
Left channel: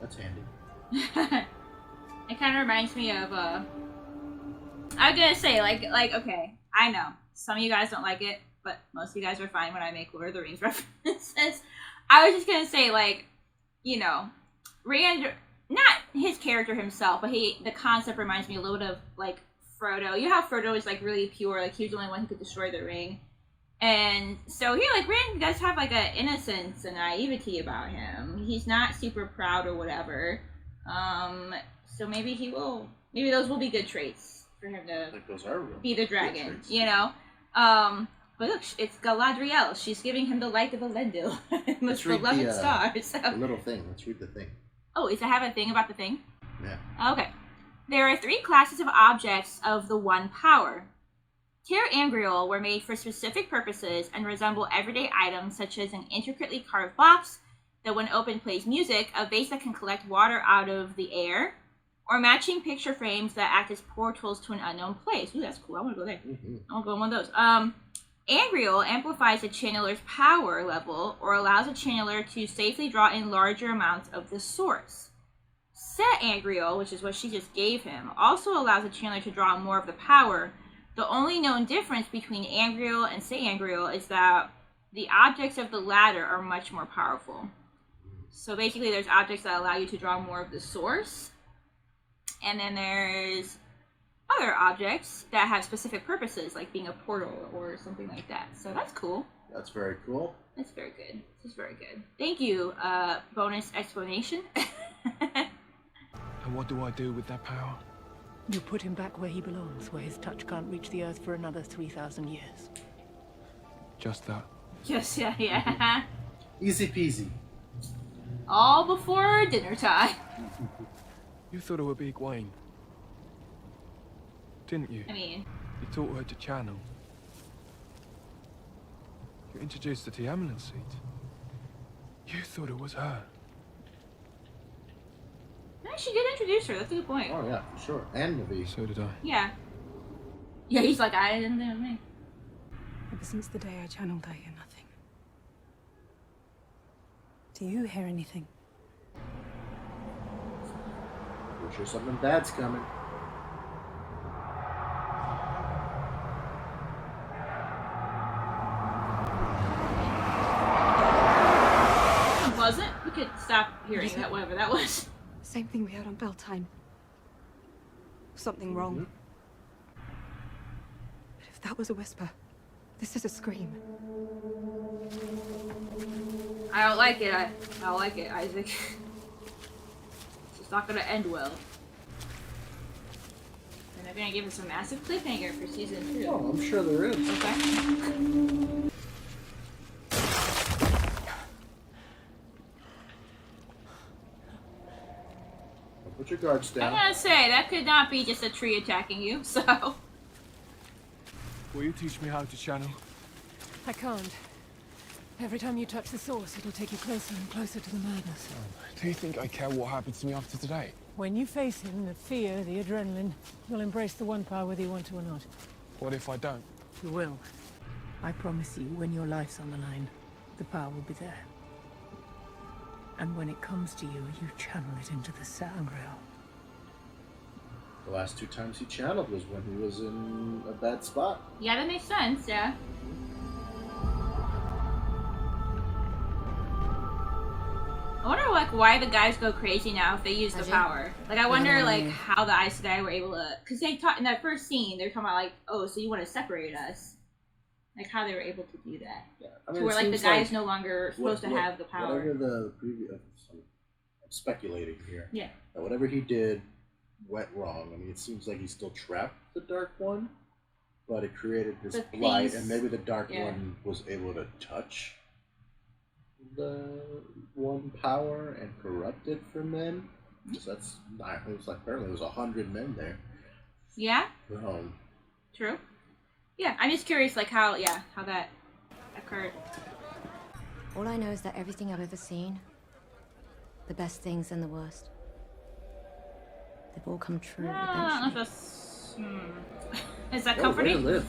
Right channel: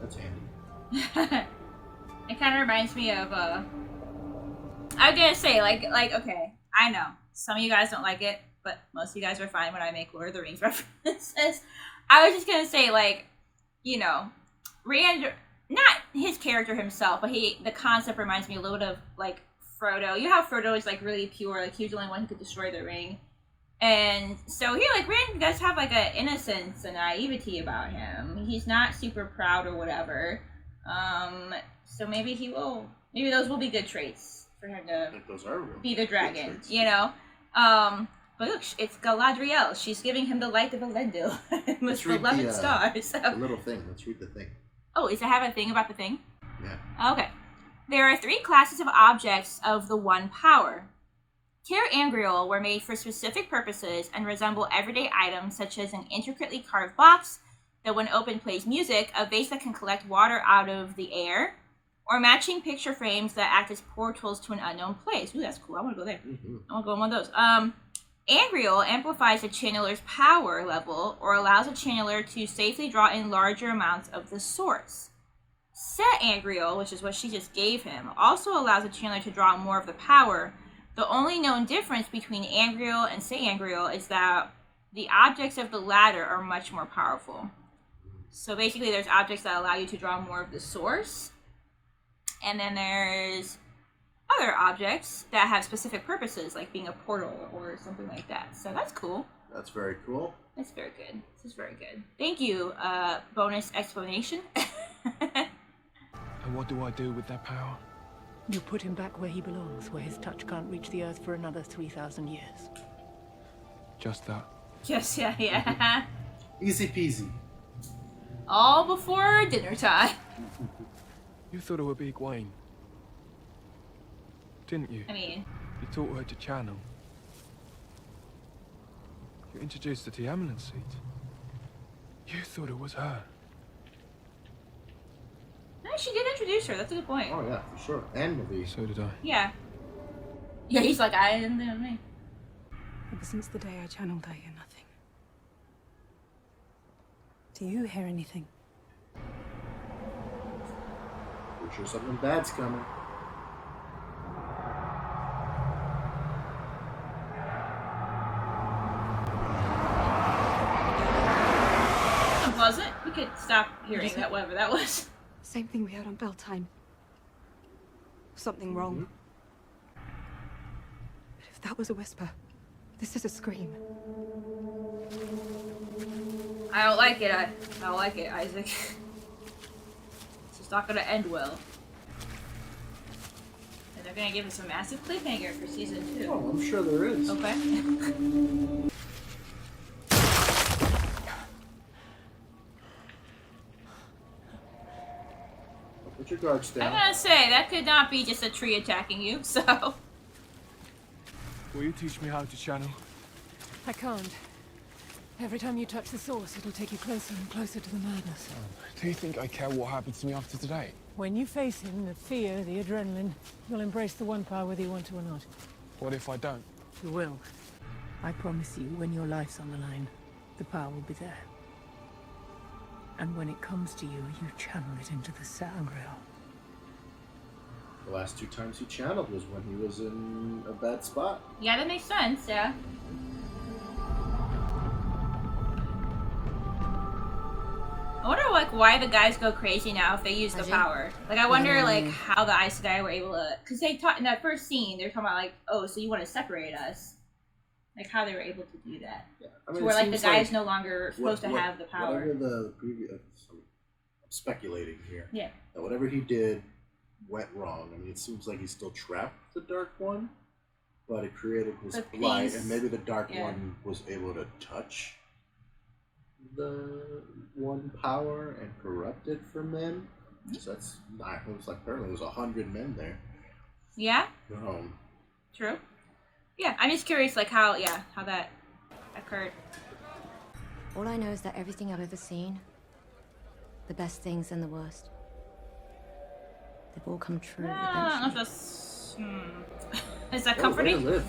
That's handy. It kind of reminds me of, I was gonna say, like, okay, I know, some of you guys don't like it, but most of you guys are fine when I make Lord of the Rings references. I was just gonna say, like, you know, Rand, not his character himself, but the concept reminds me a little bit of, like, Frodo. You know how Frodo is, like, really pure, like, he was the only one who could destroy the ring. And so here, like, Rand does have, like, an innocence and naivety about him. He's not super proud or whatever. So maybe maybe those will be good traits for him to I think those are real. be the good dragon, traits. you know? But look, it's Galadriel. She's giving him the light of Elendil. With Let's read beloved the stars. The little thing. Let's read the thing. Oh, does it have a thing about the thing? Yeah. Okay. There are 3 classes of objects of the One Power. Tir Angriel were made for specific purposes and resemble everyday items such as an intricately carved box that when opened plays music, a vase that can collect water out of the air, or matching picture frames that act as portals to an unknown place. Ooh, that's cool. I want to go there. Mm-hmm. I want to go in one of those. Angriel amplifies a channeler's power level or allows a channeler to safely draw in larger amounts of the source. Set Angriel, which is what she just gave him, also allows a channeler to draw more of the power. The only known difference between Angriel and Set Angriel is that the objects of the latter are much more powerful. So basically there's objects that allow you to draw more of the source, and then there's other objects that have specific purposes, like being a portal or something like that. So that's cool. That's very cool. That's very good. This is very good. Thank you, bonus explanation. And what do I do with that power? You put him back where he belongs, where his touch can't reach the earth for another 3,000 years. Just that. Yes, yeah. Easy peasy. All before dinner time. You thought it would be Egwene, didn't you? I mean, You taught her to channel. You introduced her to the Amulet Seat. You thought it was her. no, she did introduce her. That's a good point. Oh yeah, for sure. And movie. So did I. Yeah. Yeah, he's like, I didn't know me. Ever since the day I channeled, I hear nothing. Do you hear anything? We're sure something bad's coming. Was it? We could stop hearing that, whatever that was. Same thing we heard on Beltane. Something wrong. But if that was a whisper, this is a scream. I don't like it. I don't like it, Isaac. It's not gonna end well. And they're gonna give us a massive cliffhanger for season 2. Oh, I'm sure there is. Okay. Put your guards I'm down. gonna say, that could not be just a tree attacking you, so... Will you teach me how to channel? I can't. Every time you touch the source, it'll take you closer and closer to the madness. Do you think I care what happens to me after today? When you face him, the fear, the adrenaline, you'll embrace the one power whether you want to or not. What if I don't? You will. I promise you, when your life's on the line, the power will be there. And when it comes to you, you channel it into the sangreal. The last 2 times he channeled was when he was in a bad spot. Yeah, that makes sense, yeah. I wonder, like, why the guys go crazy now if they use the power. Like, I wonder, like, how the Aes Sedai were able to... Because they talked in that first scene, they were talking about, like, oh, so you want to separate us. Like, how they were able to do that. Yeah, I mean, to where, like, the guy's like no longer supposed to have the power. Whatever the previous... I'm speculating here. Yeah. That whatever he did went wrong. I mean, it seems like he still trapped the Dark One, but it created this blight, and maybe the Dark One was able to touch the one power and corrupt it for men. So that's not... It was like, apparently there was 100 men there. Yeah? True. Yeah, I'm just curious, like, how that occurred. All I know is that everything I've ever seen, the best things and the worst, they've all come true eventually. Is that comforting? Way to live.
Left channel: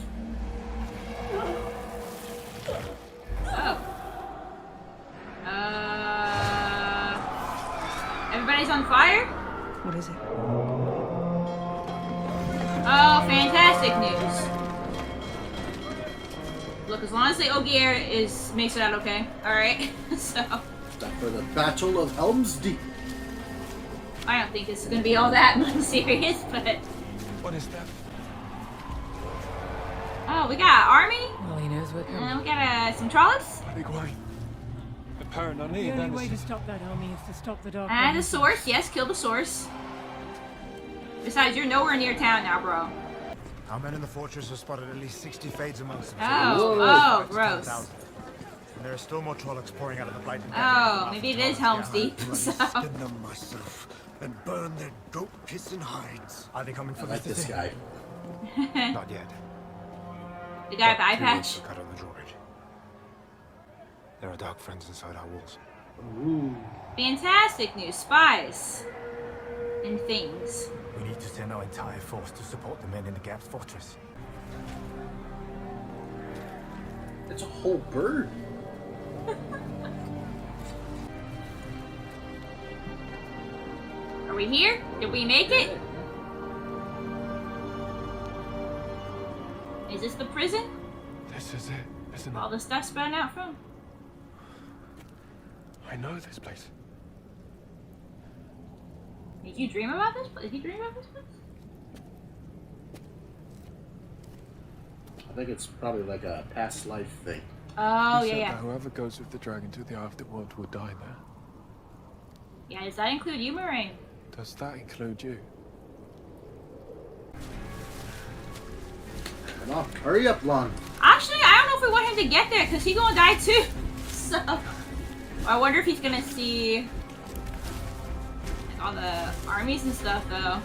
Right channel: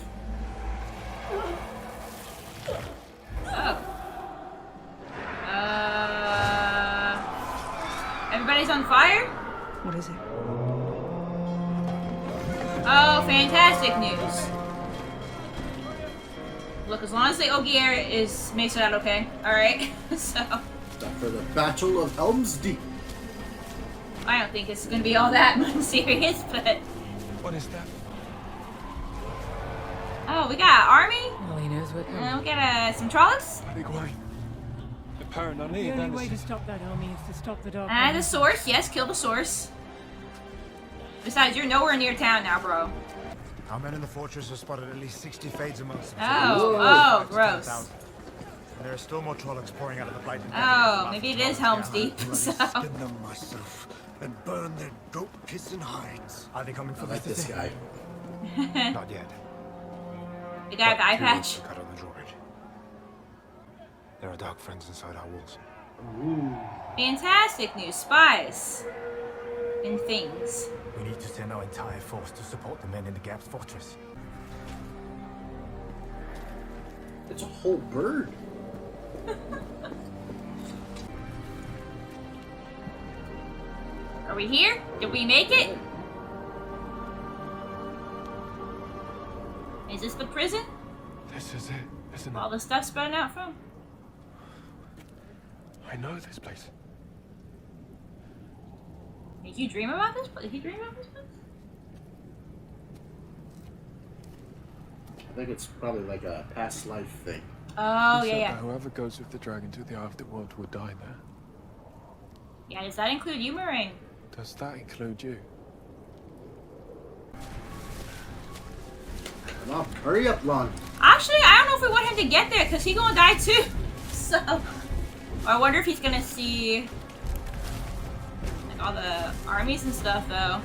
Everybody's on fire? What is it? Oh, fantastic news. Look, as long as the Ogier makes it out okay. Alright, so... Time for the Battle of Helm's Deep. I don't think this is gonna be all that serious, but... What is that? Oh, we got army? Well, he knows we're coming. And we got some trolls? I think why? Apparently, The only way to stop that army is to stop the Dark One. And the source, yes, kill the source. Besides, you're nowhere near town now, bro. Our men in the fortress have spotted at least 60 fades amongst them. Oh, gross. And there are still more Trollocs pouring out of the Blight. Oh, maybe it is Helm's Deep. So. Skin them myself and burn their goat piss and hides. Are they coming for this guy? Not yet. The guy with the eye patch? Cut on the drawbridge. There are dark friends inside our walls. Ooh. Fantastic news, spies. And things. We need to send our entire force to support the men in the Gap's fortress. It's a whole bird. Are we here? Did we make it? Is this the prison? This is it, isn't it? All the stuff spouting out from? I know this place. Did you dream about this place? Did you dream about this place? I think it's probably like a past life thing. Oh, He said yeah. that whoever goes with the dragon to the afterworld will die there. Yeah, does that include you, Moraine? Does that include you? Come on, hurry up, Lon. Actually, I don't know if we want him to get there, because he's gonna die too. So, I wonder if he's gonna see all the armies and stuff, though.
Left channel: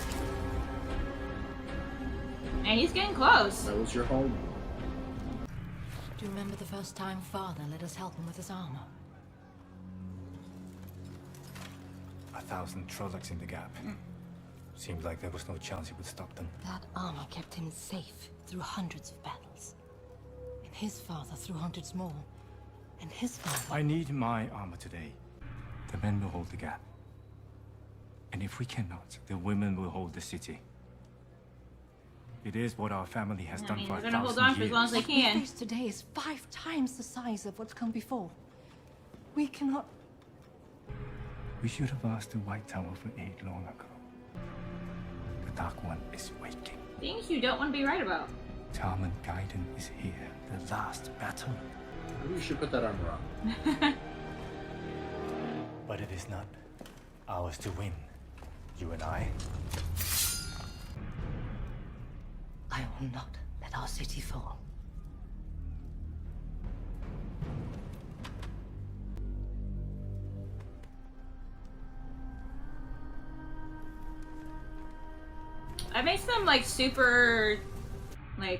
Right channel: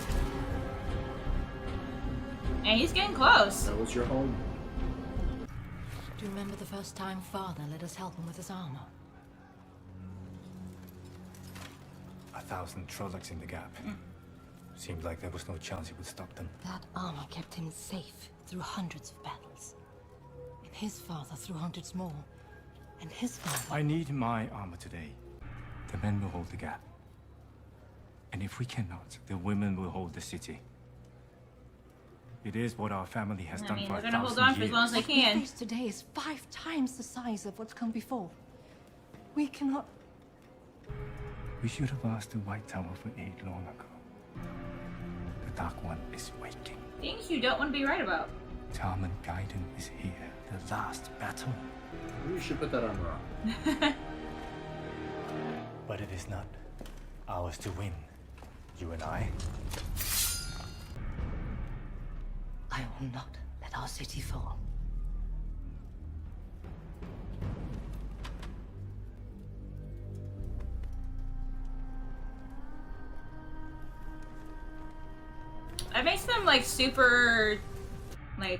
And he's getting close. That was your home. Do you remember the first time Father let us help him with his armor? 1,000 Trollocs in the Gap. Seemed like there was no chance he would stop them. That armor kept him safe through hundreds of battles. And his father through hundreds more. And his father... I need my armor today. The men will hold the Gap. And if we cannot, the women will hold the city. It is what our family has done for 1,000 years. What we face today is 5 times the size of what's come before. We cannot... We should have asked the White Tower for aid long ago. The Dark One is waking. Things you don't want to be right about. Tarman Gaiden is here. The last battle. Maybe you should put that armor on. But it is not ours to win. You and I. I will not let our city fall. That makes them like super, like,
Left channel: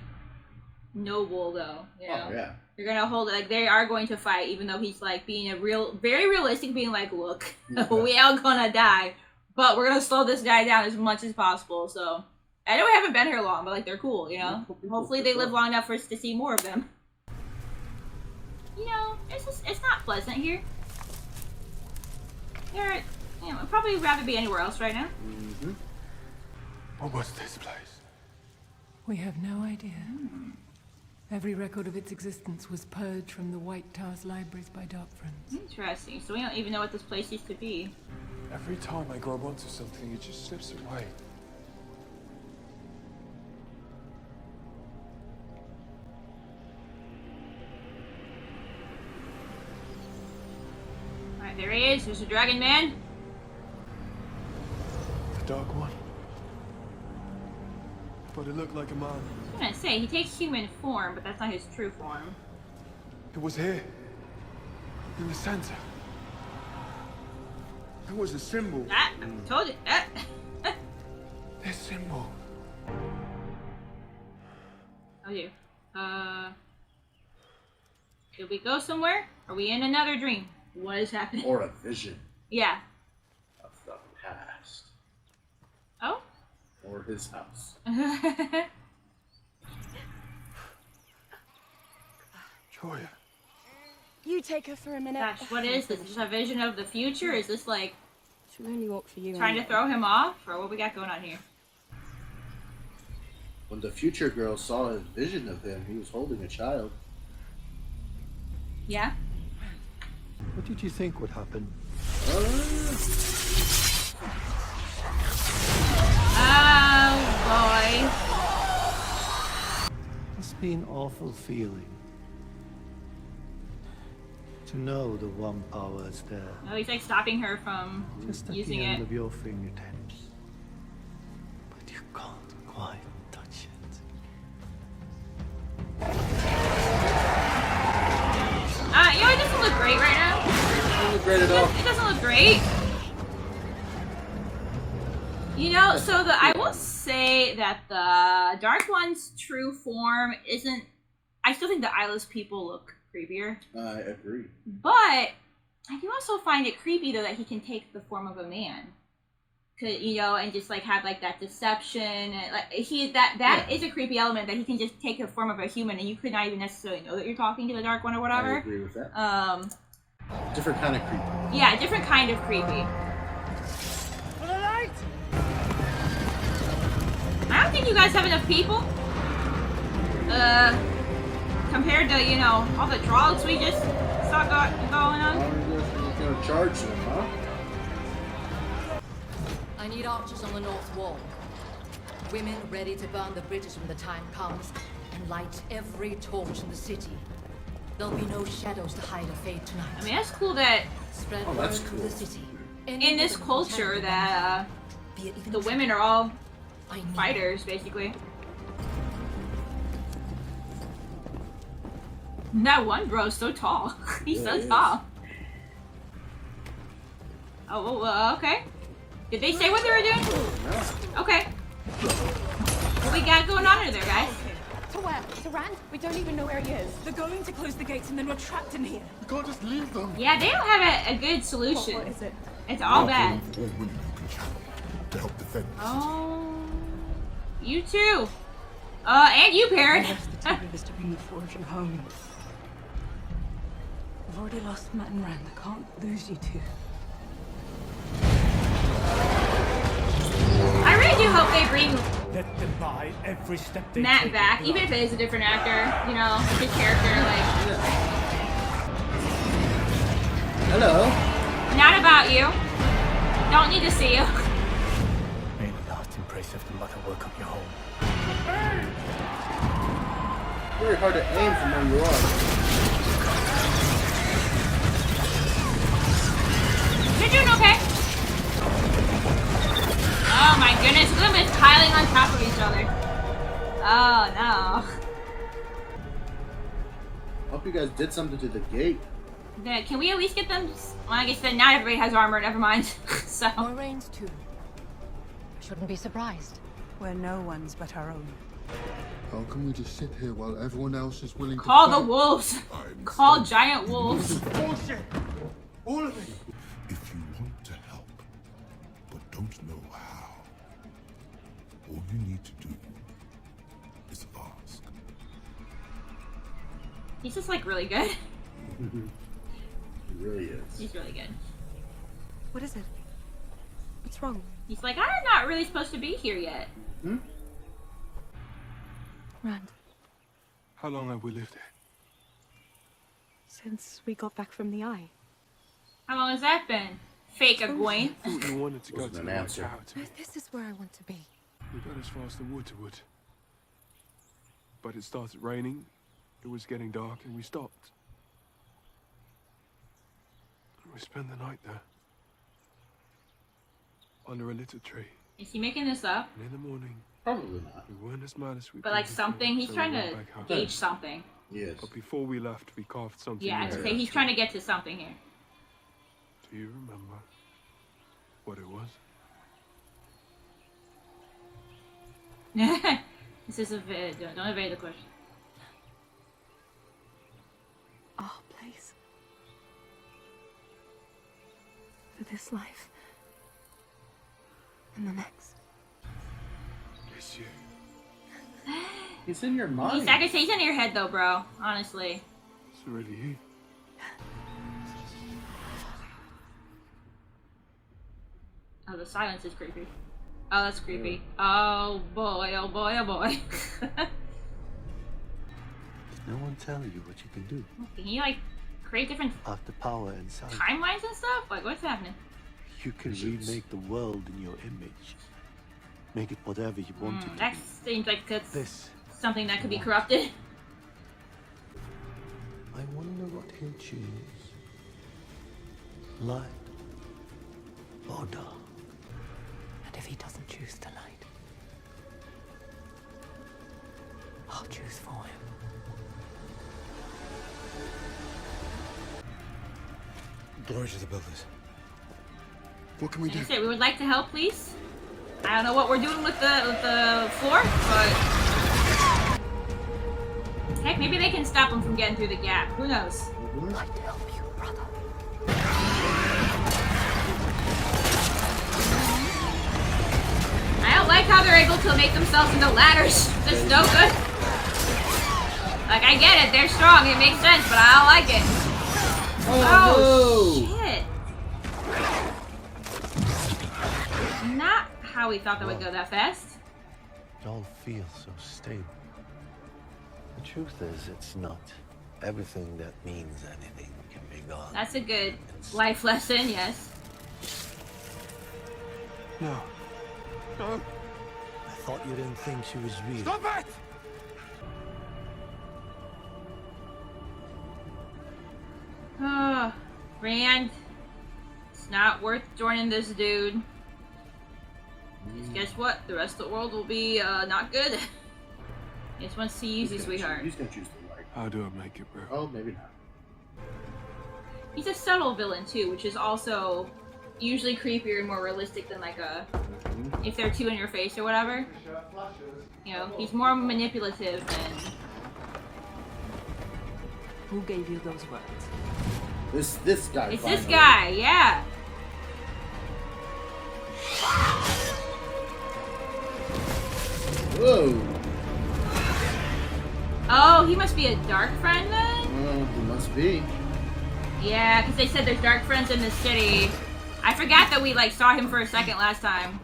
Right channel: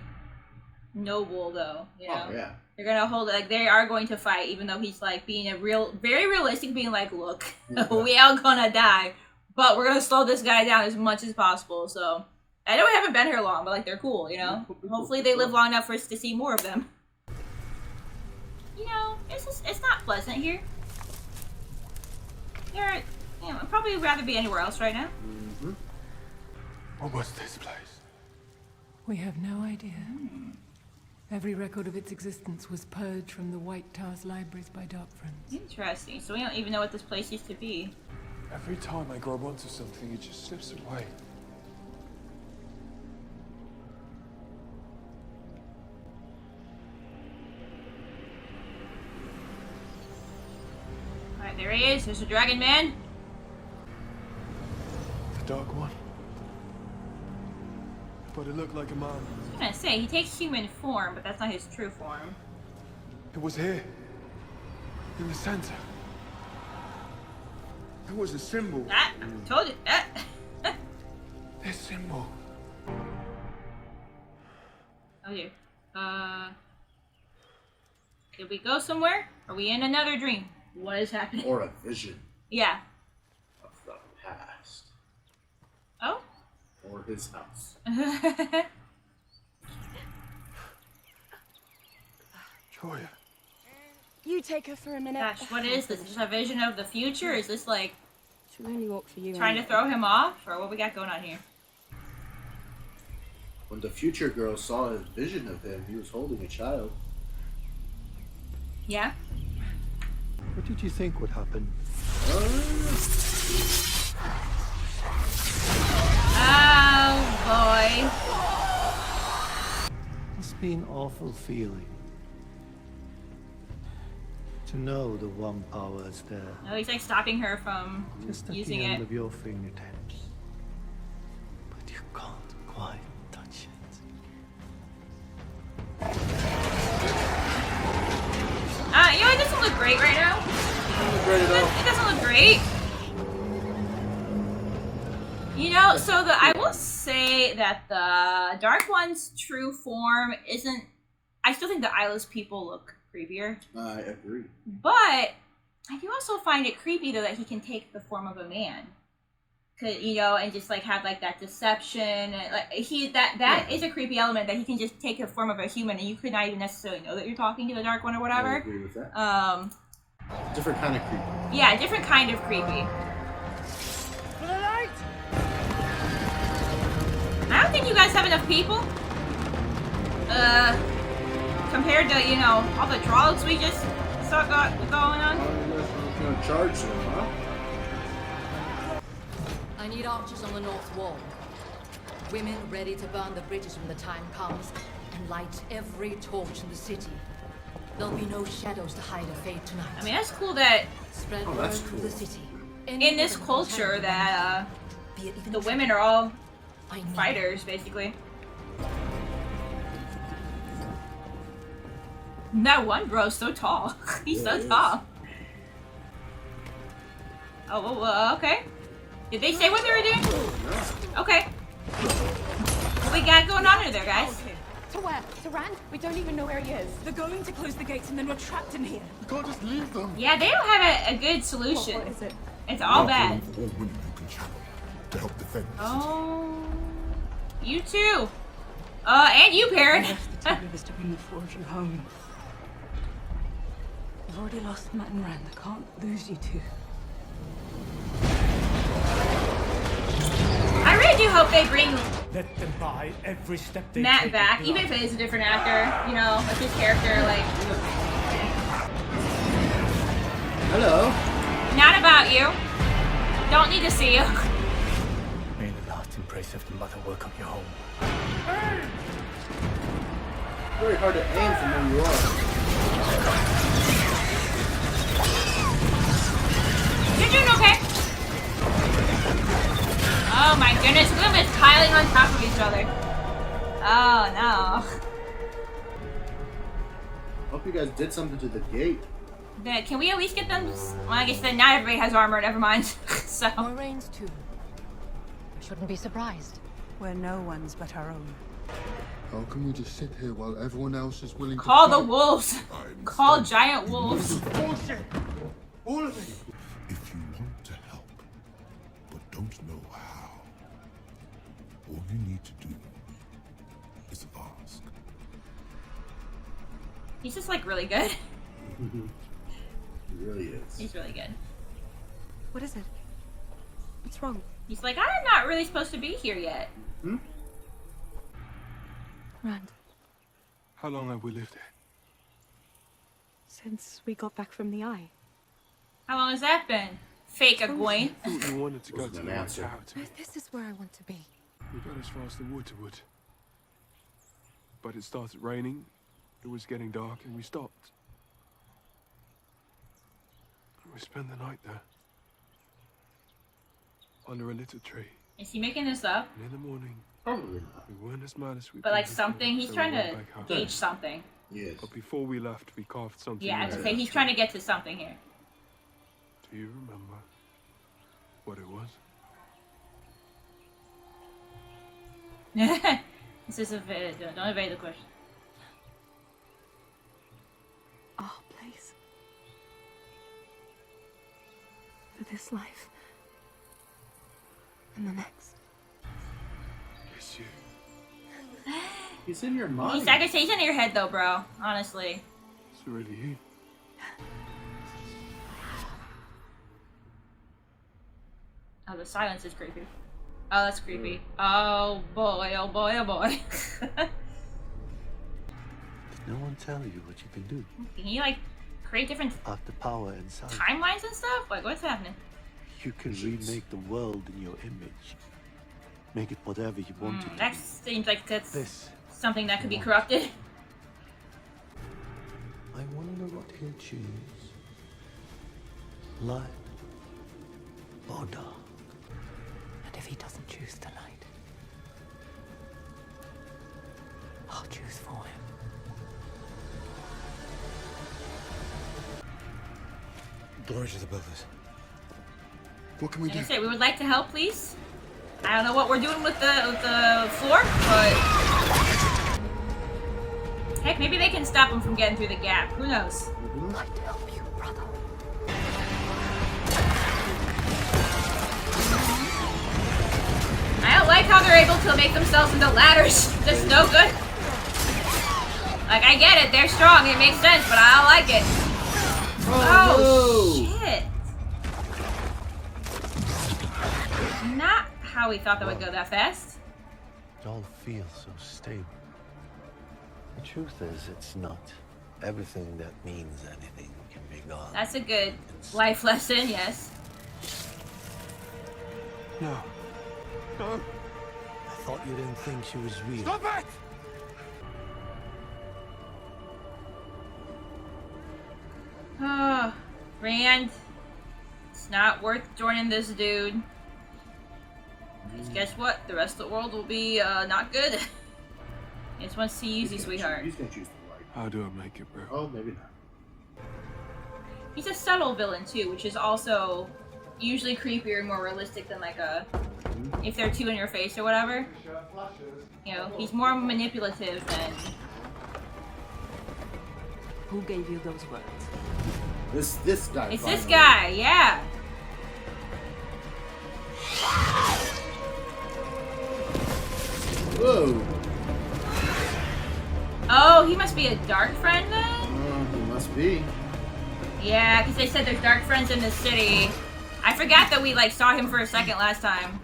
noble though. You know? Oh yeah. They're gonna hold it, like they are going to fight, even though he's like being very realistic, being like, look, we all gonna die, but we're gonna slow this guy down as much as possible. So I know we haven't been here long, but like they're cool, you know. Hopefully they live long enough for us to see more of them. You know, it's not pleasant here. They're, you know, I'd probably rather be anywhere else right now. Mm-hmm. What was this place? We have no idea. Every record of its existence was purged from the White Tower's libraries by Dark Friends. Interesting. So we don't even know what this place used to be. Every time I grab onto something, it just slips away. Alright, there he is. There's the Dragon Man. The Dark One. But it looked like a man. I was gonna say, he takes human form, but that's not his true form. It was here. In the center. It was a symbol. I told you. This symbol. Oh dear. Did we go somewhere? Are we in another dream? What is happening? Or a vision Yeah. of the past. Oh? Or his house. Joya. You take her for a minute. Gosh, what is this? Is this a vision of the future? Is this like She'll only walk for you. trying to throw him off? Or what we got going on here? When the future girl saw his vision of him, he was holding a child. Yeah? What did you think would happen? Oh boy. Must be an awful feeling to know the one power is there, No, he's like stopping her from just at the using end it. of your fingertips. But you can't quite touch it. You know, it doesn't look great right now. Doesn't look great at all. It doesn't look great. You know, so I will say that the Dark One's true form isn't. I still think the eyeless people look creepier. I agree. But I do also find it creepy though that he can take the form of a man. You know, and just like have like that deception, and like that is a creepy element that he can just take the form of a human, and you could not even necessarily know that you're talking to the Dark One or whatever. I agree with that. Different kind of creepy. Yeah, different kind of creepy. For the light! I don't think you guys have enough people. Compared to, you know, all the drugs we just saw going on. You're gonna charge them, huh? I need archers on the north wall. Women ready to burn the bridges when the time comes and light every torch in the city. There'll be no shadows to hide a fate tonight. I mean, that's cool that spread word through the city. in this culture that the women are all fighters, basically. That one bro's so tall. He's so tall. Oh, well, okay. Did they say what they were doing? Okay. What we got going on over there, guys? To where? To Rand? We don't even know where he is. They're going to close the gates and then we're trapped in here. We can't just leave them. Yeah, they don't have a good solution. What is it? It's all bad. All women you can channel to help defend the city. Oh, you too. And you, Parrot. I left the two of us to bring the fortune home. I've already lost Matt and Rand. I can't lose you two. I really do hope they bring Let them buy every step they Matt take back, with even if it is a different actor. You know, like his character, like. Hello. Not about you. Don't need to see you. May the last embrace of the mother welcome you home. Very hard to aim from where you are. You're doing okay. Oh my goodness, look at them just piling on top of each other. Oh no. Hope you guys did something to the gate. Can we at least get them? Well, I guess then not everybody has armor. Never mind. So. Moraine's too. I shouldn't be surprised. We're no one's but our own. How can we just sit here while everyone else is willing Call to the fight? wolves. Call giant wolves. Bullshit! All of it! If you want to help, but don't know how, all you need to do is ask. He's just like really good. He really is. He's really good. What is it? What's wrong? He's like, I'm not really supposed to be here yet. Hmm? Rand, How long have we lived here? since we got back from the Eye. How long has that been? Fake Egwene. I thought you wanted to go to the an White answer. Tower too. No, this is where I want to be. We got as far as the wood to wood. But it started raining, it was getting dark, and we stopped. We spent the night there. Under a little tree. Is he making this up? And in the morning, Probably not. we weren't as mad as we But like something, he's trying to gauge gauge. something. Yes. But before we left, we carved something. Yeah, it's there. okay. He's trying to get to something here. Do you remember what it was? This is a don't evade the question. Our place. For this life. And the next. It's you. He's in your mind. I could say he's in your head though, bro. Honestly. It's really you. Oh, the silence is creepy. Oh, that's creepy. Oh boy, oh boy, oh boy. Did no one tell you what you can do? Can you like create different After power inside, timelines and stuff? Like what's happening? you can remake the world in your image. Make it whatever you want it to That be. seems like that's This. something that could be want. corrupted. I wonder what he'll choose. Light or dark? And if he doesn't choose the light, I'll choose for him. Glory to the builders. What can we Like do? I said, we would like to help, please. I don't know what we're doing with the floor, but heck, maybe they can stop him from getting through the gap. Who knows? I'd help you, brother. I don't like how they're able to make themselves into ladders. That's no good. Like, I get it, they're strong, it makes sense, but I don't like it. Oh, shit. Not how we thought that would go that fast. It all feels so stable. The truth is, it's not. Everything that means anything can be gone. That's a good life lesson, yes. No. No. I thought you didn't think she was real. Stop it! Oh, Rand, it's not worth joining this dude. Because guess what? The rest of the world will be not good. Guess once he uses sweetheart. He's gonna choose the light. How do I make it, bro? Oh, maybe not. He's a subtle villain too, which is also usually creepier and more realistic than like a if they're too in your face or whatever. You know, he's more manipulative than. Who gave you those words? This guy. It's this guy, yeah. Whoa. Oh, he must be a dark friend then? Oh, he must be. Yeah, because they said there's dark friends in the city. I forgot that we like saw him for a second last time.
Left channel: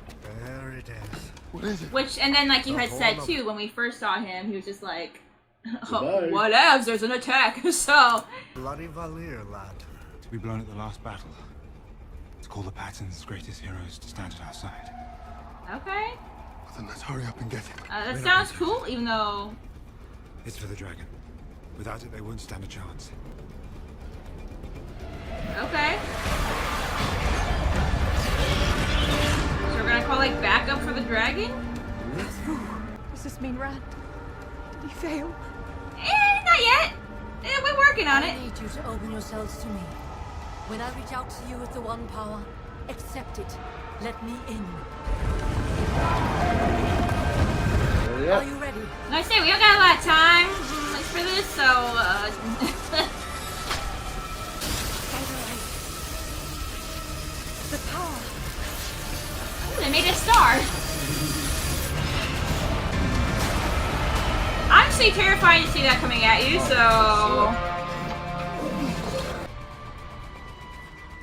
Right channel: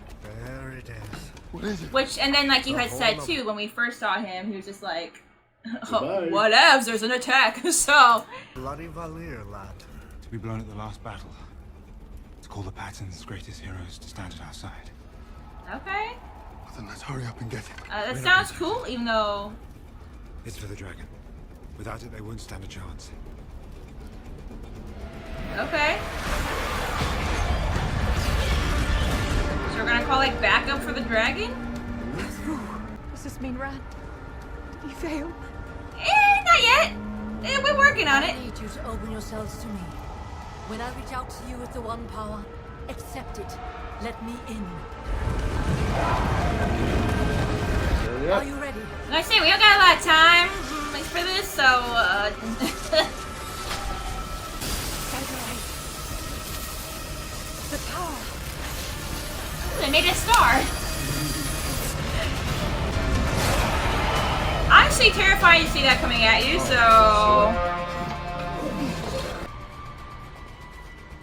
There it is. What is it? Which, and then like you had said too, when we first saw him, he was just like, oh, whatevs, there's an attack, so. Bloody Valir, lad. To be blown at the last battle. To call the Patton's greatest heroes to stand at our side. Okay. Well, then let's hurry up and get him. That sounds cool, even though. It's for the dragon. Without it, they won't stand a chance. Okay. So we're gonna call like backup for the dragon? Does this mean Rand? Did he fail? Not yet. We're working on it. I need you to open yourselves to me. When I reach out to you with the one power, accept it. Let me in. Hurry up. Are you ready? I say we don't got a lot of time for this, so The power. they made a star. Honestly, terrifying to see that coming at you. So.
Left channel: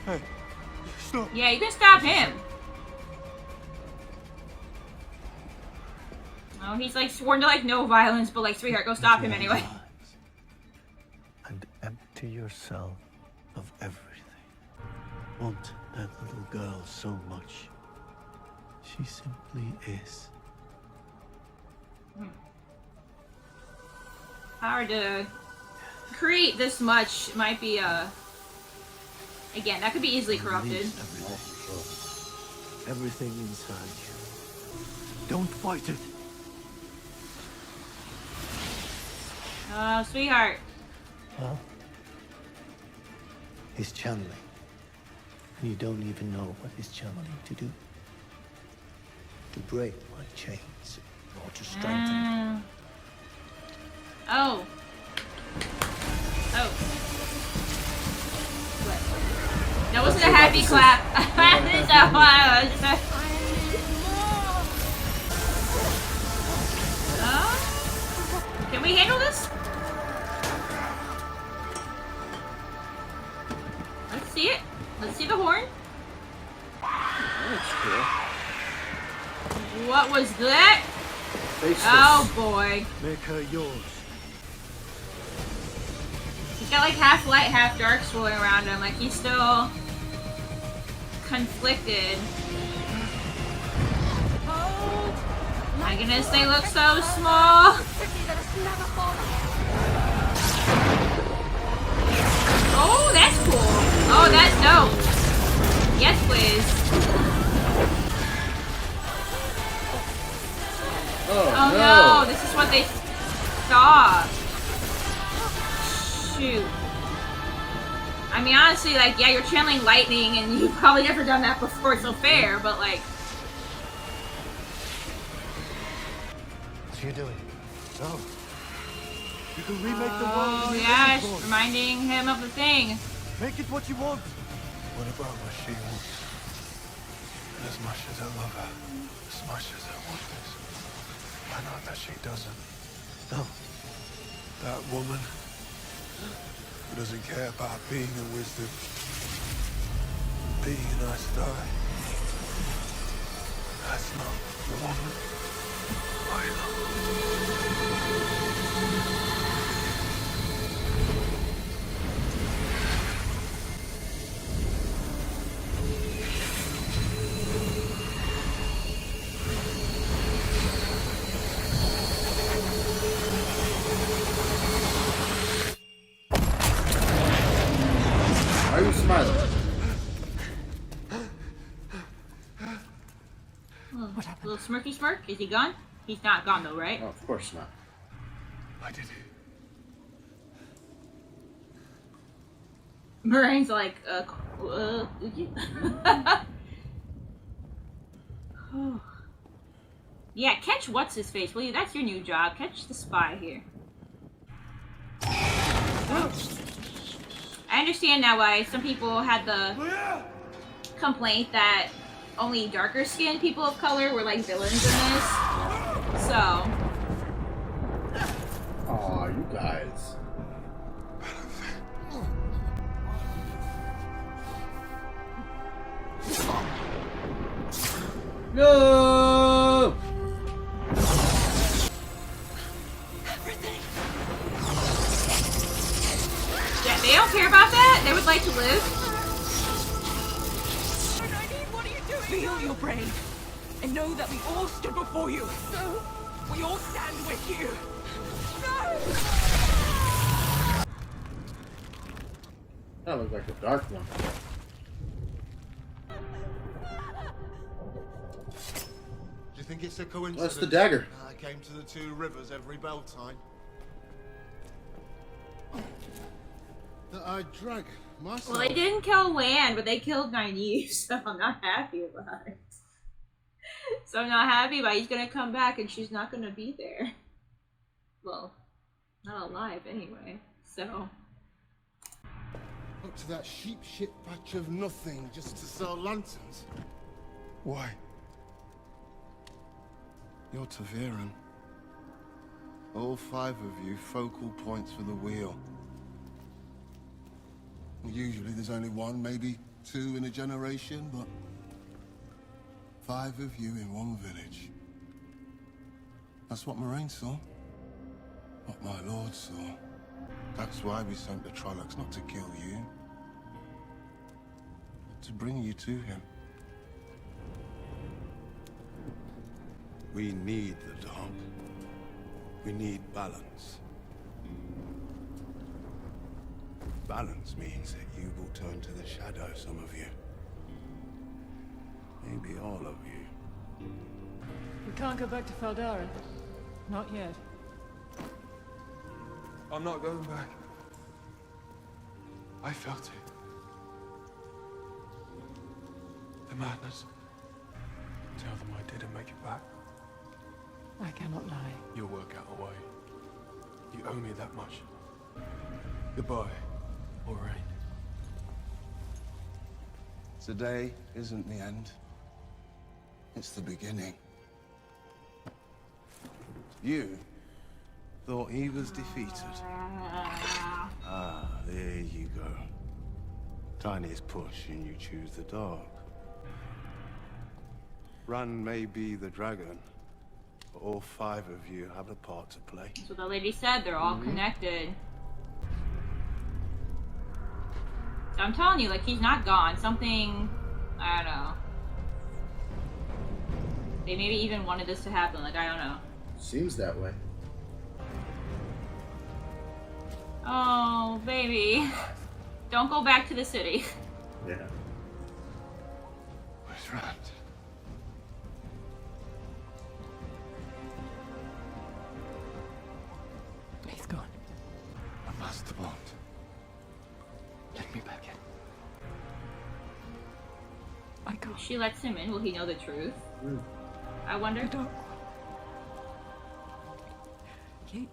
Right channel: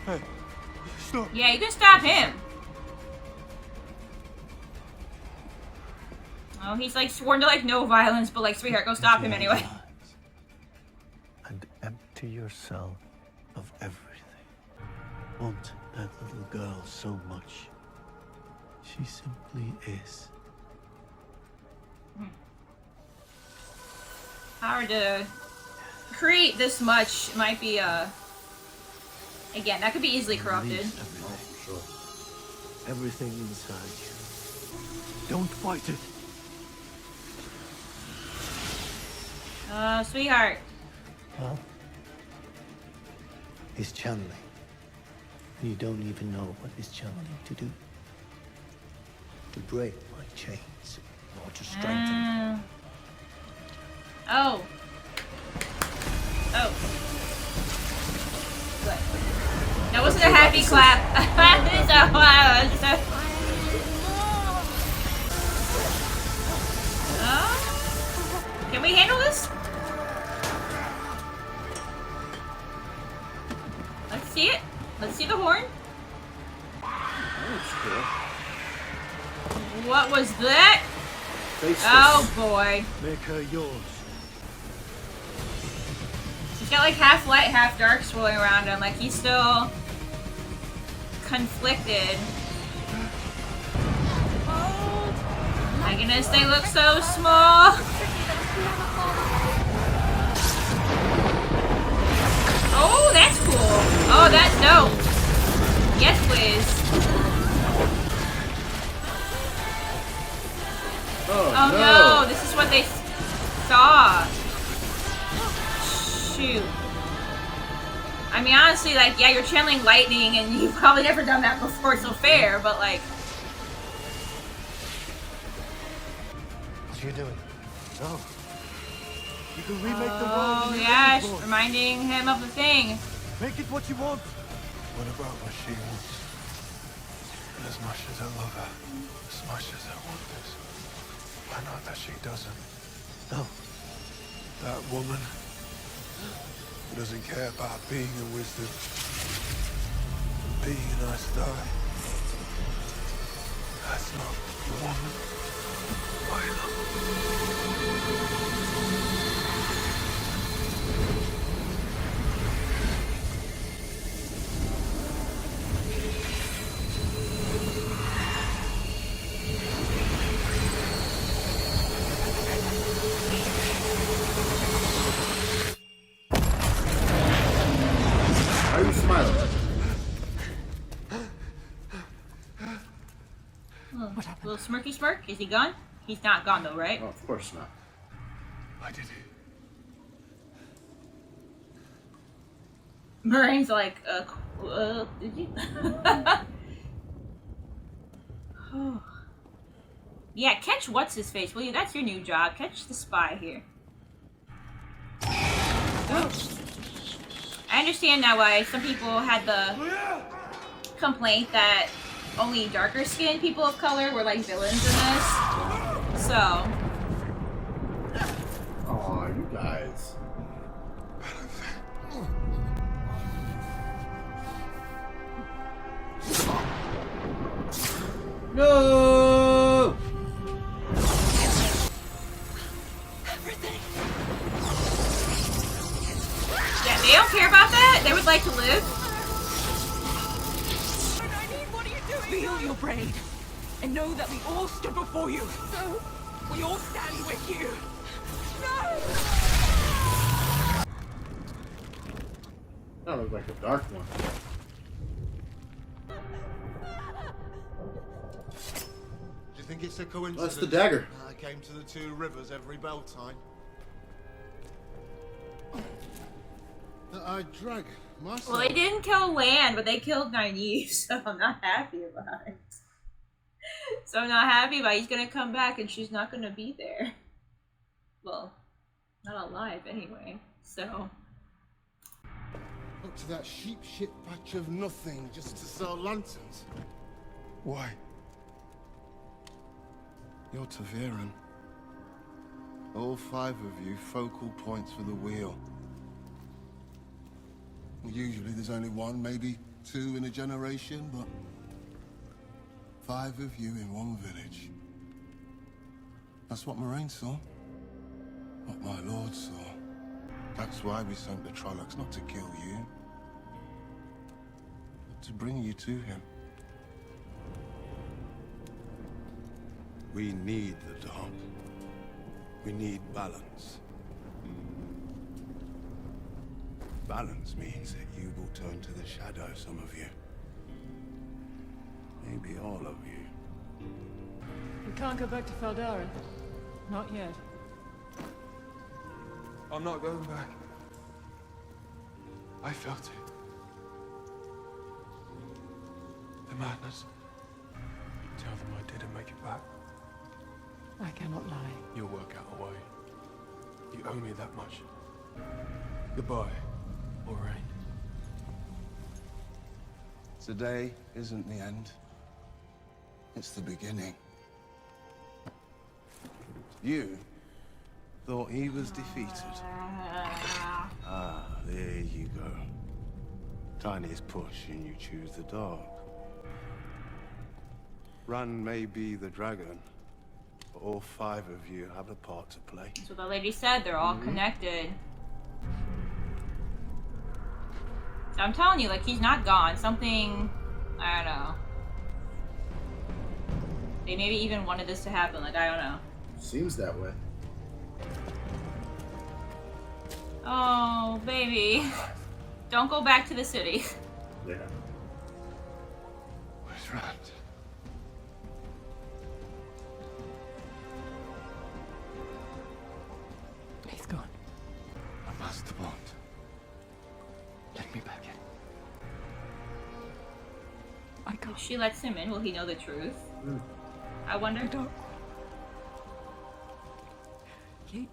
Hey, stop. Yeah, you can stop him. Oh, he's like sworn to like no violence, but like, sweetheart, go stop him anyway. And empty yourself of everything. Want that little girl so much. She simply is. Hard to create this much might be again, that could be easily corrupted. Release everything. Everything inside you. Don't fight it. Oh, sweetheart. Well, he's channeling. You don't even know what he's channeling to do. To break my chains, or to strengthen them. Oh. Oh. Good. That wasn't a happy clap. Can we handle this? Let's see it. Let's see the horn. What was that? Oh boy. Make her yours. He's got like half light, half dark swirling around him. Like he's still conflicted. Oh my goodness, they look so small. Oh, that's cool. Oh, that's dope. Yes, please. Oh no, this is what they saw. Shoot. I mean, honestly, like, yeah, you're channeling lightning, and you've probably never done that before, so fair, but like... What are you doing? No. You can remake the world in your yeah, image, boy. reminding him of the thing. Make it what you want. What about what she wants? As much as I love her, as much as I want this, I know that she doesn't. No. That woman who doesn't care about being a wisdom, being a nice guy. That's not the woman I love. Why are you smiling? What happened? Little smirky smirk? Is he gone? He's not gone though, right? Oh, of course not. I did it. Moraine's like, did you? Yeah, catch what's his face, will you? That's your new job. Catch the spy here. I understand now why some people had the complaint that only darker skinned people of color were like villains in this. So. Aw, you guys. No! Yeah, they don't care about that. They would like to live. What are you doing? Feel your brain. And know that we all stood before you. No. We all stand with you. No! That looks like the Dark One. Do you think it's a coincidence? That's the dagger. I came to the two rivers every bell time. That I drag myself. Well, they didn't kill Land, but they killed Nynaeve, so I'm not happy about it. So I'm not happy, but he's gonna come back and she's not gonna be there. Well, not alive anyway, so. Up to that sheep shit patch of nothing just to sell lanterns. Why? You're Taviran. All 5 of you focal points for the wheel. Usually there's only 1, maybe 2 in a generation, but 5 of you in one village. That's what Moraine saw. What my lord saw. That's why we sent the Trollocs, not to kill you, but to bring you to him. We need the dark. We need balance. Balance means that you will turn to the shadow, some of you. Maybe all of you. We can't go back to Faldara. Not yet. I'm not going back. I felt it. The madness. Tell them I didn't make it back. I cannot lie. You'll work out a way. You owe me that much. Goodbye, Moraine. Today isn't the end. It's the beginning. You thought he was defeated. Ah, there you go. Tiniest push and you choose the dark. Run may be the dragon, but all 5 of you have a part to play. That's what the lady said, they're all connected. So I'm telling you, like, he's not gone. Something, I don't know. They maybe even wanted this to happen, like, I don't know. Seems that way. Oh, baby. Don't go back to the city. Yeah. Where's Rand? He's gone. I must the bond. Let me back in. I can't. If she lets him in, will he know the truth? I wonder. The Dark One. He...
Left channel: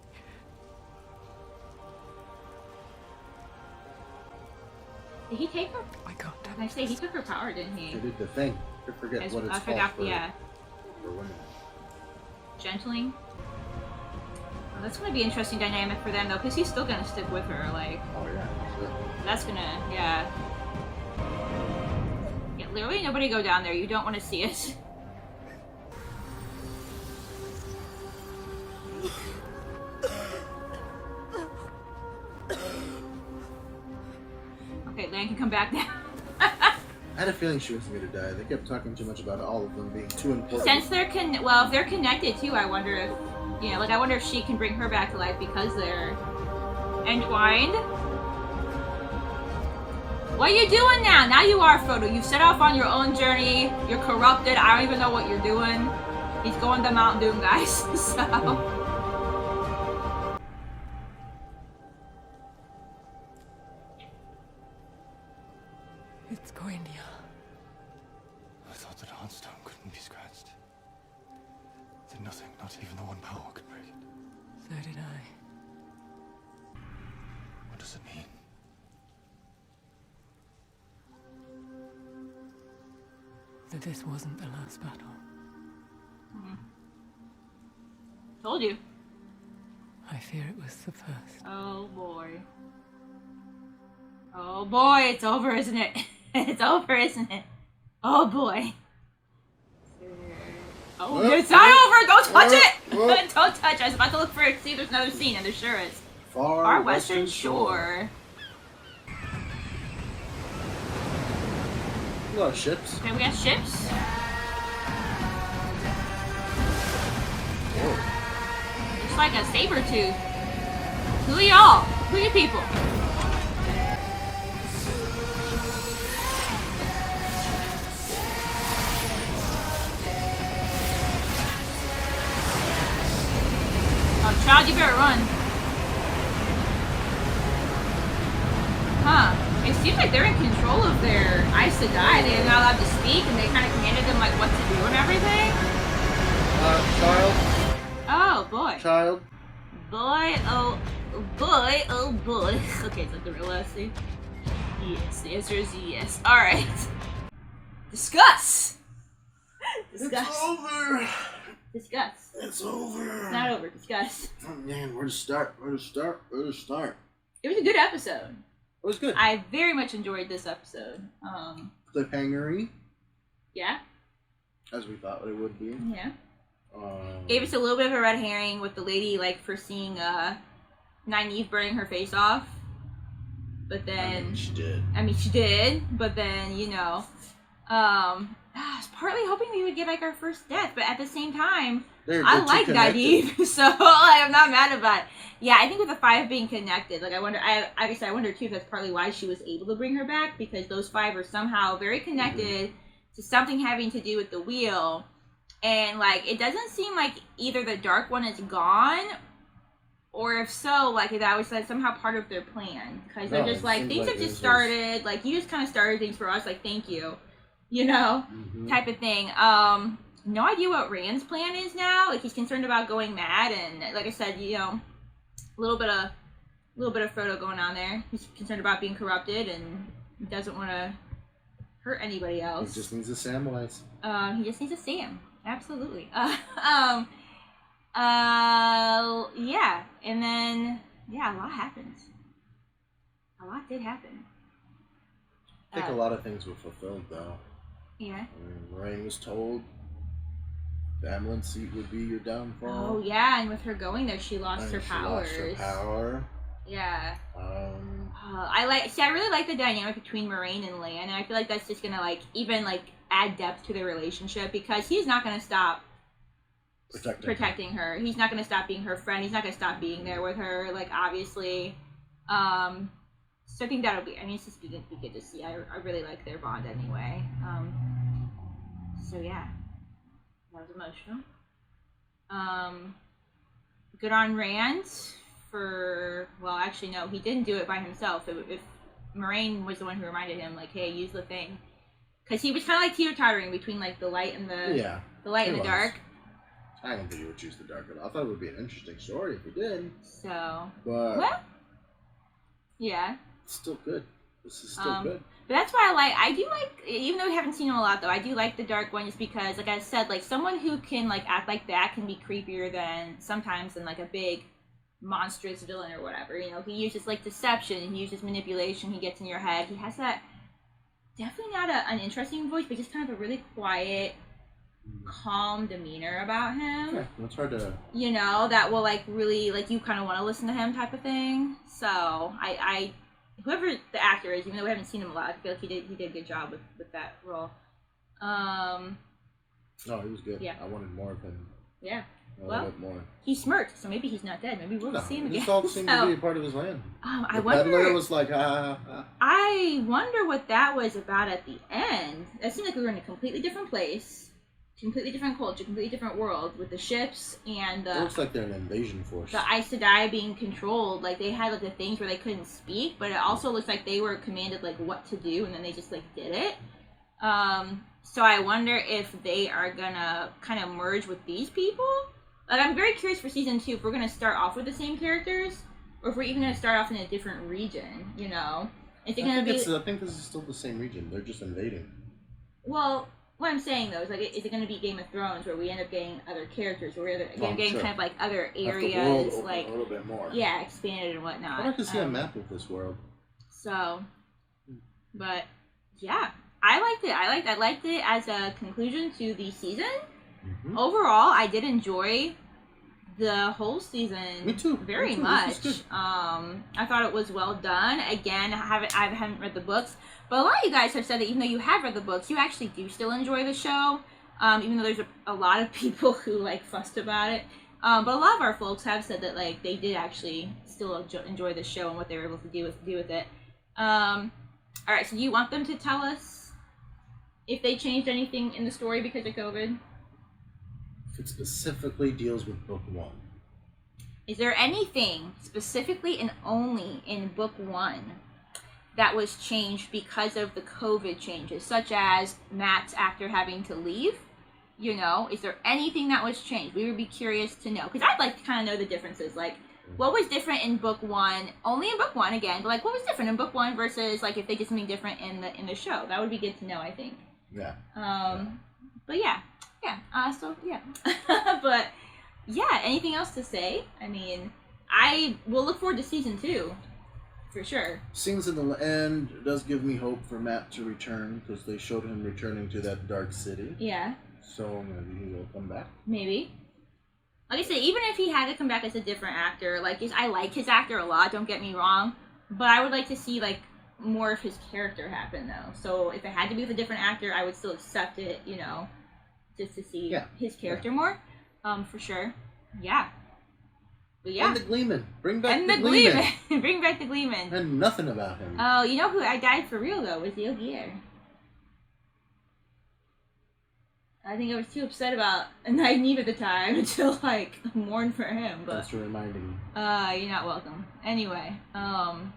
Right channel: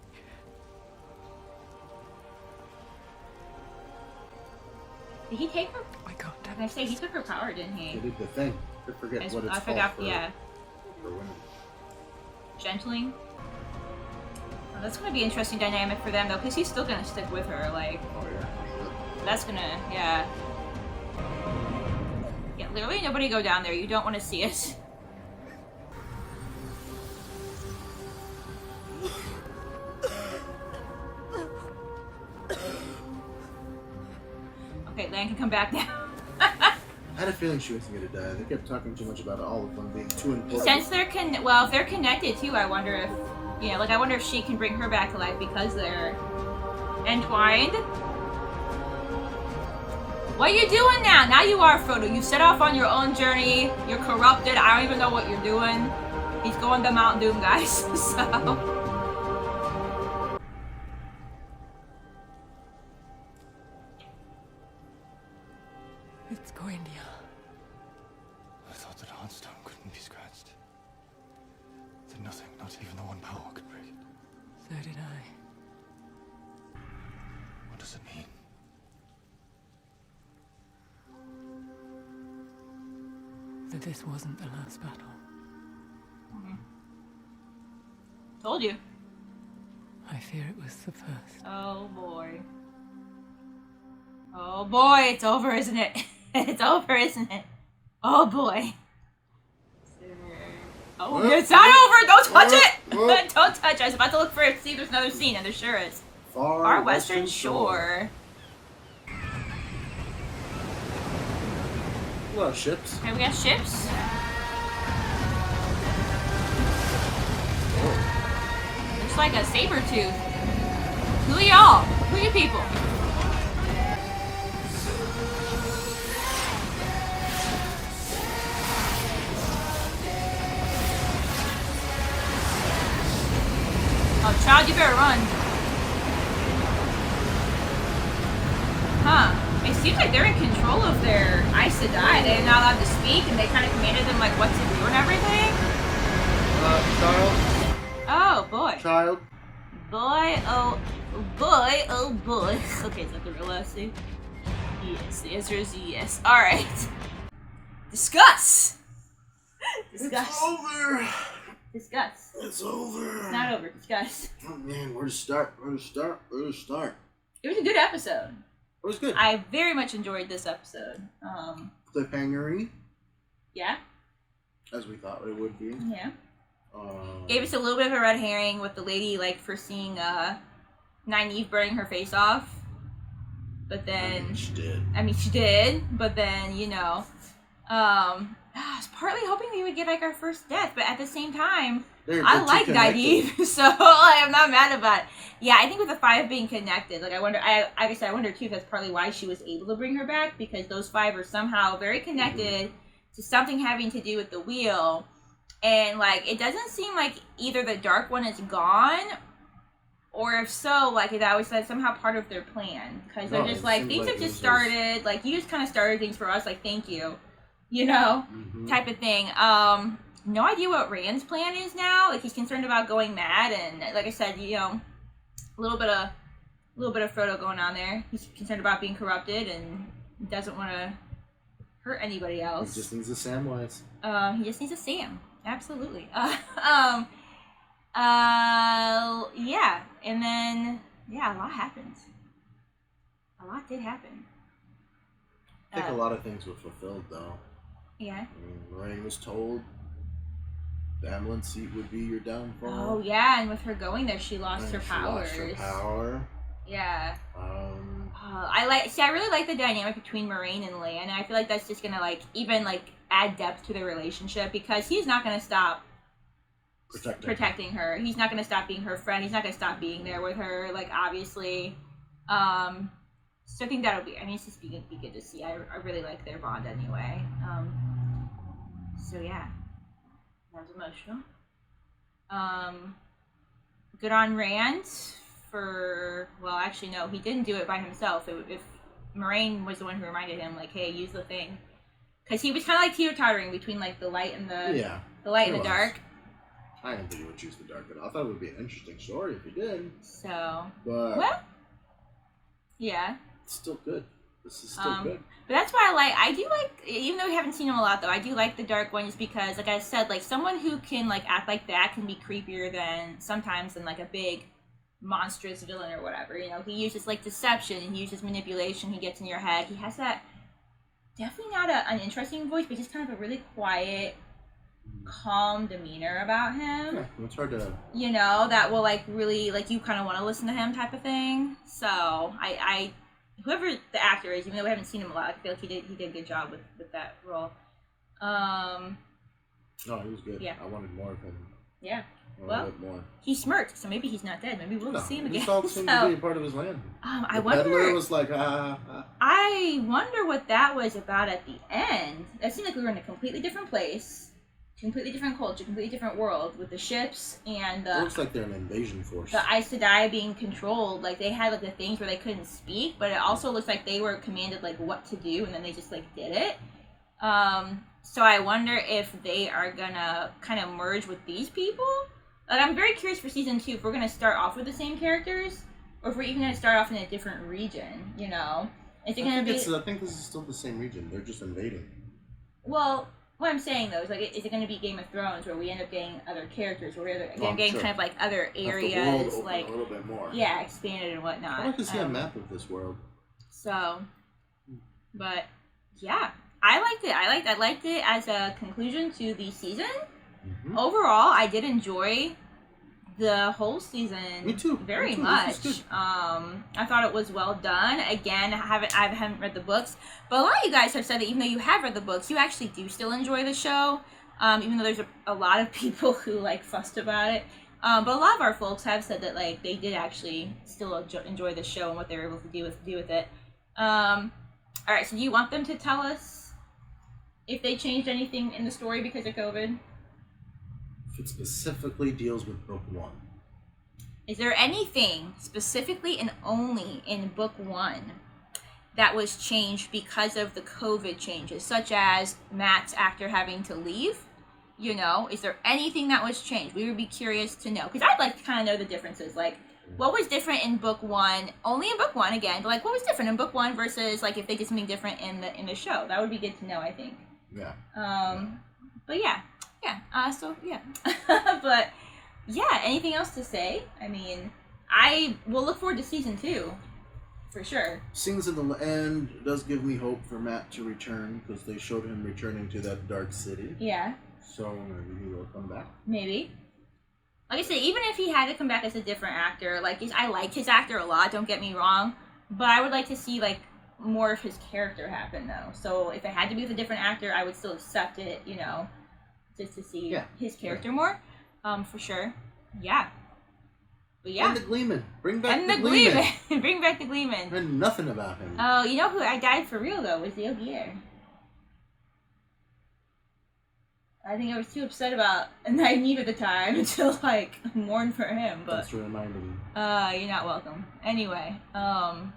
Did he take her? I can't. I say he took her power, didn't he? They did the thing. I forget what it's I called forgot. for, Yeah. for women. Gentling. Well, that's gonna be an interesting dynamic for them though, because he's still gonna stick with her. Like. Oh yeah, for sure. That's gonna, yeah. Yeah, literally nobody go down there. You don't want to see it. Okay, Lan can come back now. I had a feeling she wasn't gonna die. They kept talking too much about all of them being too important. Since they're well, if they're connected too, I wonder if, you know, like I wonder if she can bring her back to life because they're entwined. What are you doing now? Now you are Frodo. You set off on your own journey. You're corrupted. I don't even know what you're doing. He's going to Mount Doom, guys. So. It's Goindia. I thought that Heartstone couldn't be scratched. That nothing, not even the one power, could break it. So did I. What does it mean? That this wasn't the last battle. Told you. I fear it was the first. Oh boy. Oh boy, it's over, isn't it? It's over, isn't it? Oh boy. Oh, it's not over! Don't touch it! Don't touch it! I was about to look for it, see if there's another scene, and there sure is. Far Western Shore. A lot of ships. Okay, we got ships. Looks like a saber tooth. Who are y'all? Who are you people? Oh, child, you better run. Huh. It seems like they're in control of their Aes Aes Sedai. They're not allowed to speak, and they kind of commanded them like what to do and everything. Child. Oh boy. Child. Boy, oh boy, oh boy. Okay, is that the real last name? Yes, the answer is yes. Alright. Discuss! Discuss. It's over! Discuss. It's over. It's not over. Discuss. Oh man, where to start? Where to start? Where to start? It was a good episode. It was good. I very much enjoyed this episode. Cliffhanger-y, Yeah? as we thought it would be. Yeah. Gave us a little bit of a red herring with the lady, like, foreseeing Nynaeve burning her face off. But then... she did. I mean, she did. But then, you know... I was partly hoping we would get, like, our first death. But at the same time, I like Nynaeve. So, like, I'm not mad about it. Yeah, I think with the 5 being connected, like, I wonder... like I said, I wonder, too, if that's partly why she was able to bring her back. Because those 5 are somehow very connected to something having to do with the wheel. And, like, it doesn't seem like either the Dark One is gone, or if so, like, it always like somehow part of their plan. Because they're just like, things have just started, like, you just kind of started things for us, like, thank you. You know? Type of thing. No idea what Rand's plan is now. Like, he's concerned about going mad, and, like I said, you know, a little bit of Frodo going on there. He's concerned about being corrupted, and doesn't want to hurt anybody else. He just needs a Samwise. He just needs a Sam. Absolutely. Yeah, and then, yeah, a lot happens. A lot did happen. I think a lot of things were fulfilled, though. Yeah. I mean, Moraine was told the Amelin seat would be your downfall. Oh, yeah, and with her going there, she lost her powers. Lost her power. Yeah. I really like the dynamic between Moraine and Lan, and I feel like that's just gonna, like, even, like, add depth to their relationship, because he's not gonna stop protecting her. He's not gonna stop being her friend. He's not gonna stop being there with her, like, obviously. So I think that'll be, I mean, it's just be good to see. I really like their bond anyway. So yeah, that was emotional. Good on Rand for, well, actually no, he didn't do it by himself. If Moraine was the one who reminded him, like, hey, use the thing. Because he was kind of like teeter-tottering between, like, the light and the and the dark. I didn't think he would choose the dark at all. I thought it would be an interesting story if he did. So, but well, yeah. It's still good. This is still good. But that's why I do like, even though we haven't seen him a lot, though, I do like the Dark One, just because, like I said, like, someone who can, like, act like that can be creepier than, sometimes, than, like, a big monstrous villain or whatever. You know, he uses, like, deception, he uses manipulation, he gets in your head. He has that, definitely not an uninteresting voice, but just kind of a really quiet, calm demeanor about him. Yeah, it's hard to... You know, that will, like, really, like, you kind of want to listen to him type of thing. So, I whoever the actor is, even though we haven't seen him a lot, I feel like he did a good job with that role. No, he was good. Yeah. I wanted more of him. Yeah. A little bit more. He smirked, so maybe he's not dead. Maybe we'll see him again. This all seemed to be a part of his land. I the wonder. peddler was like, I wonder what that was about at the end. It seemed like we were in a completely different place, completely different culture, completely different world, with the ships and the... It looks like they're an invasion force. The Aes Sedai being controlled. Like, they had, like, the things where they couldn't speak, but it also looks like they were commanded, like, what to do, and then they just, like, did it. So I wonder if they are gonna kind of merge with these people. Like, I'm very curious for season 2 if we're gonna start off with the same characters, or if we're even gonna start off in a different region, you know? Is it gonna be... I think this is still the same region. They're just invading. Well... What I'm saying, though, is, like, is it going to be Game of Thrones, where we end up getting other characters, or we're getting kind of, like, other areas, the world like, a little bit more. Yeah, expanded and whatnot. I'd like to see a map of this world. So, but, yeah, I liked it. I liked it as a conclusion to the season. Mm-hmm. Overall, I did enjoy the whole season. Me too. Very much. I thought it was well done. Again, I haven't read the books, but a lot of you guys have said that even though you have read the books, you actually do still enjoy the show. Even though there's a lot of people who, like, fussed about it. But a lot of our folks have said that, like, they did actually still enjoy the show and what they were able to do with it. All right, so do you want them to tell us if they changed anything in the story because of COVID? If it specifically deals with book 1. Is there anything specifically and only in book 1 that was changed because of the COVID changes, such as Matt's actor having to leave. You know, is there anything that was changed? We would be curious to know, because I'd like to kind of know the differences. Like, what was different in book one? Only in book one again, but like, what was different in book one versus like if they get something different in the show? That would be good to know, I think. Yeah. But yeah. So yeah. But yeah. Anything else to say? I mean, I will look forward to season 2, for sure. Scenes in the end does give me hope for Matt to return, because they showed him returning to that dark city. Yeah. So maybe he will come back. Maybe. Like I said, even if he had to come back as a different actor, like I like his actor a lot, don't get me wrong, but I would like to see like more of his character happen though. So if it had to be with a different actor, I would still accept it, you know, just to see his character more, for sure. Yeah. But yeah. And the Gleeman. Bring back and the Gleeman. Bring back the Gleeman. And nothing about him. Oh, you know who I died for real though was the Ogier. I think I was too upset about Nynaeve at the time to like mourn for him. But thanks for reminding me. You're not welcome. Anyway, so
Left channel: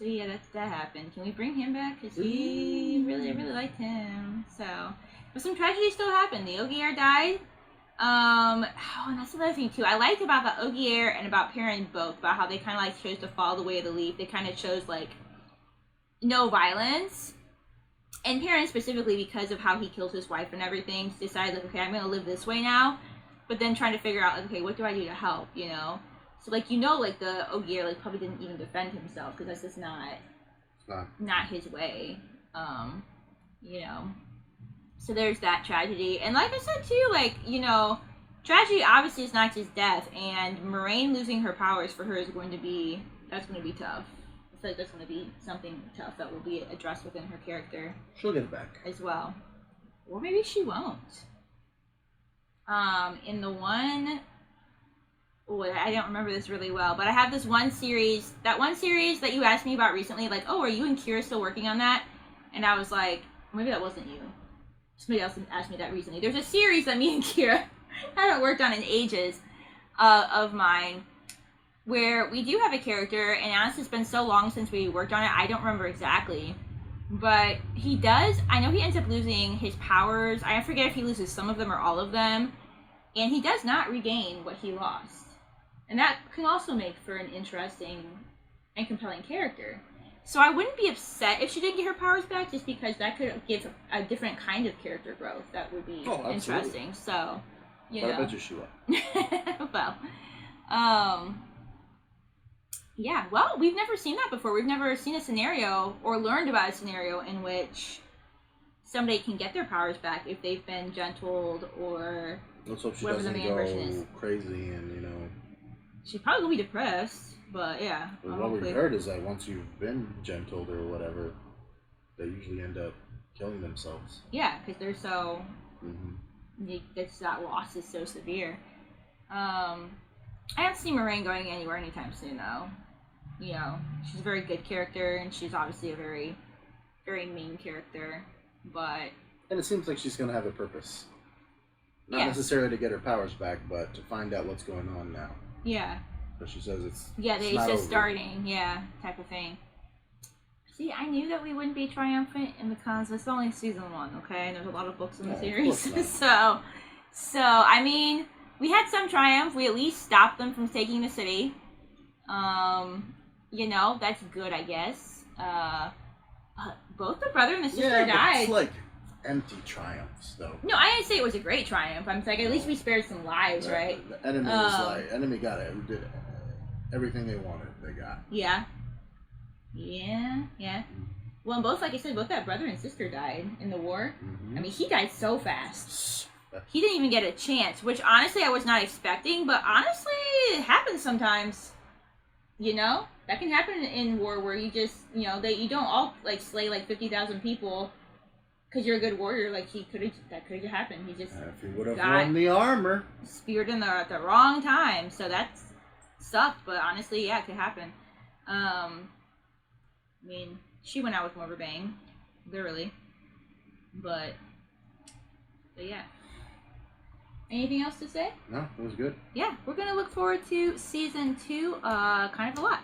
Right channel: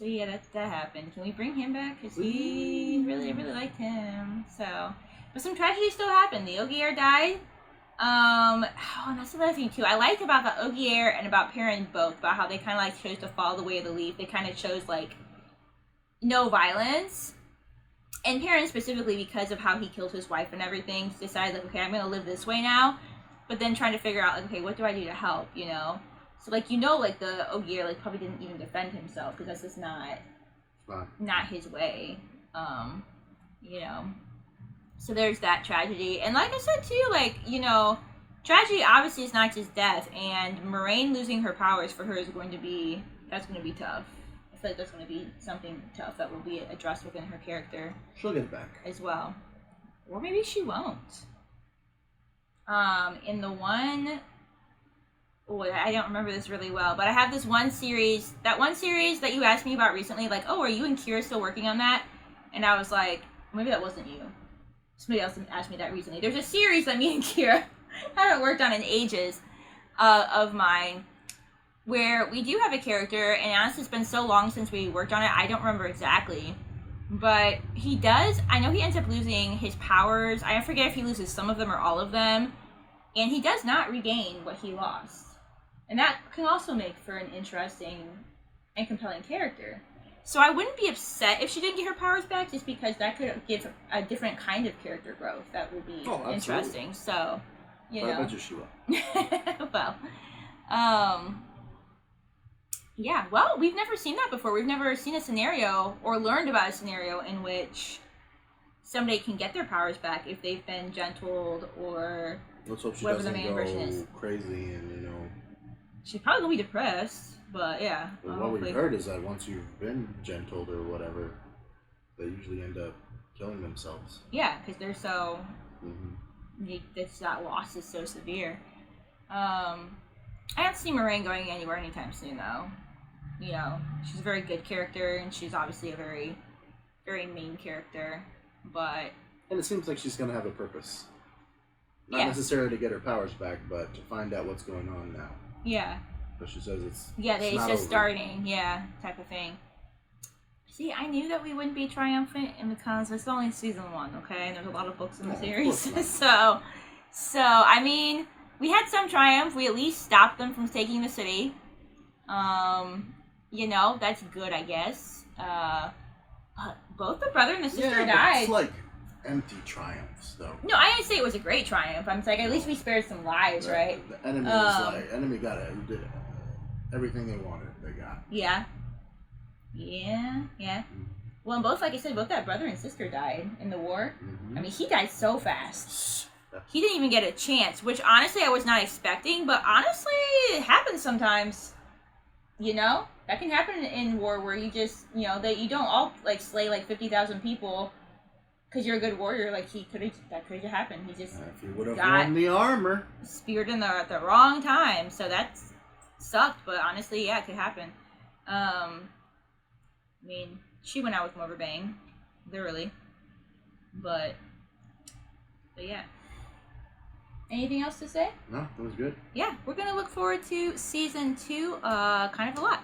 yeah, that happened. Can we bring him back? Cause we really liked him. So, but some tragedy still happened. The Ogier died. And that's another thing too. I liked about the Ogier and about Perrin both, about how they kind of like chose to follow the way of the leaf. They kind of chose like no violence. And Perrin specifically, because of how he killed his wife and everything, decided like, okay, I'm gonna live this way now. But then trying to figure out like, okay, what do I do to help? You know. So like like the Ogier like probably didn't even defend himself because that's just not his way. You know. So there's that tragedy, and like I said too, like tragedy obviously is not just death, and Moraine losing her powers for her is going to be tough. I feel like that's going to be something tough that will be addressed within her character. She'll get it back. As well. Or maybe she won't. In the one... Oh, I don't remember this really well, but I have this one series... That one series that you asked me about recently, like, oh, are you and Kira still working on that? And I was like, maybe that wasn't you. Somebody else asked me that recently. There's a series that me and Kira haven't worked on in ages of mine, where we do have a character, and honestly it's been so long since we worked on it, I don't remember exactly. But he does, I know he ends up losing his powers. I forget if he loses some of them or all of them. And he does not regain what he lost. And that can also make for an interesting and compelling character. So I wouldn't be upset if she didn't get her powers back, just because that could give a different kind of character growth that would be interesting. So, you know. I bet you she will. Well, yeah, well, we've never seen that before. We've never seen a scenario or learned about a scenario in which somebody can get their powers back if they've been gentled or let's hope she whatever the doesn't main version is. go crazy and, She's probably going to be depressed, but yeah. But what we've heard is that once you've been gentled or whatever, they usually end up killing themselves. Yeah, because they're so... that loss is so severe. I don't see Moraine going anywhere anytime soon, though. She's a very good character, and she's obviously a very, very main character, but... And it seems like she's going to have a purpose. Not necessarily to get her powers back, but to find out what's going on now. Yeah. But she says it's just starting, type of thing. See, I knew that we wouldn't be triumphant because it's only season 1, okay? And there's a lot of books in the series. So, I mean, we had some triumph. We at least stopped them from taking the city. That's good, I guess. Both the brother and the sister died. It's like empty triumphs, though. No, I didn't say it was a great triumph. I'm like, at least we spared some lives, right? The enemy was enemy got it. Did everything they wanted. They got. Yeah. Well, and both, like I said, both that brother and sister died in the war. I mean, he died so fast. He didn't even get a chance, which honestly I was not expecting, but honestly, it happens sometimes. That can happen in war where you just, that you don't all, like, slay, like, 50,000 people because you're a good warrior. Like, that could have happened. He just if he would have worn the armor. Speared in at the wrong time, so that sucked, but honestly, yeah, it could happen. I mean, she went out with more of a bang, literally. But yeah. Anything else to say? No, it was good. Yeah, we're going to look forward to season 2 kind of a lot.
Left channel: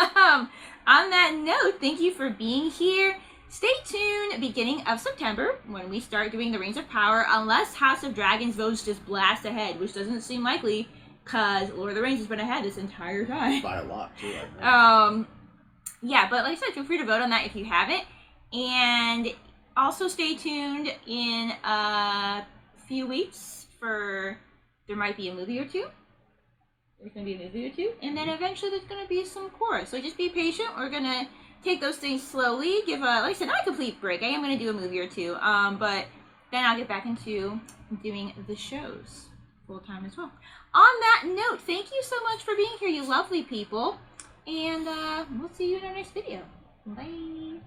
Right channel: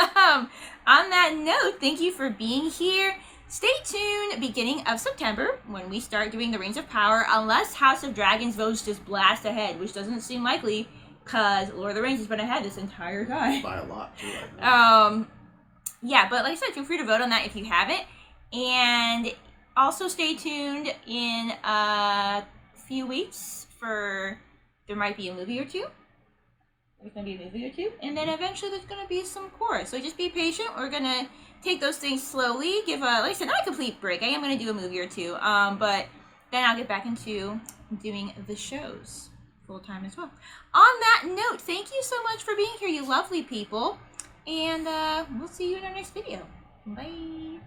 On that note, thank you for being here. Stay tuned beginning of September when we start doing the Rings of Power, unless House of Dragons votes just blast ahead, which doesn't seem likely because Lord of the Rings has been ahead this entire time. By a lot, too, I think. Yeah, but like I said, feel free to vote on that if you haven't. And also stay tuned in a few weeks for there might be a movie or two. There's going to be a movie or two. And then eventually there's going to be some chorus. So just be patient. We're going to take those things slowly. Give like I said, not a complete break. I am going to do a movie or two. But then I'll get back into doing the shows full time as well. On that note, thank you so much for being here, you lovely people. And we'll see you in our next video. Bye.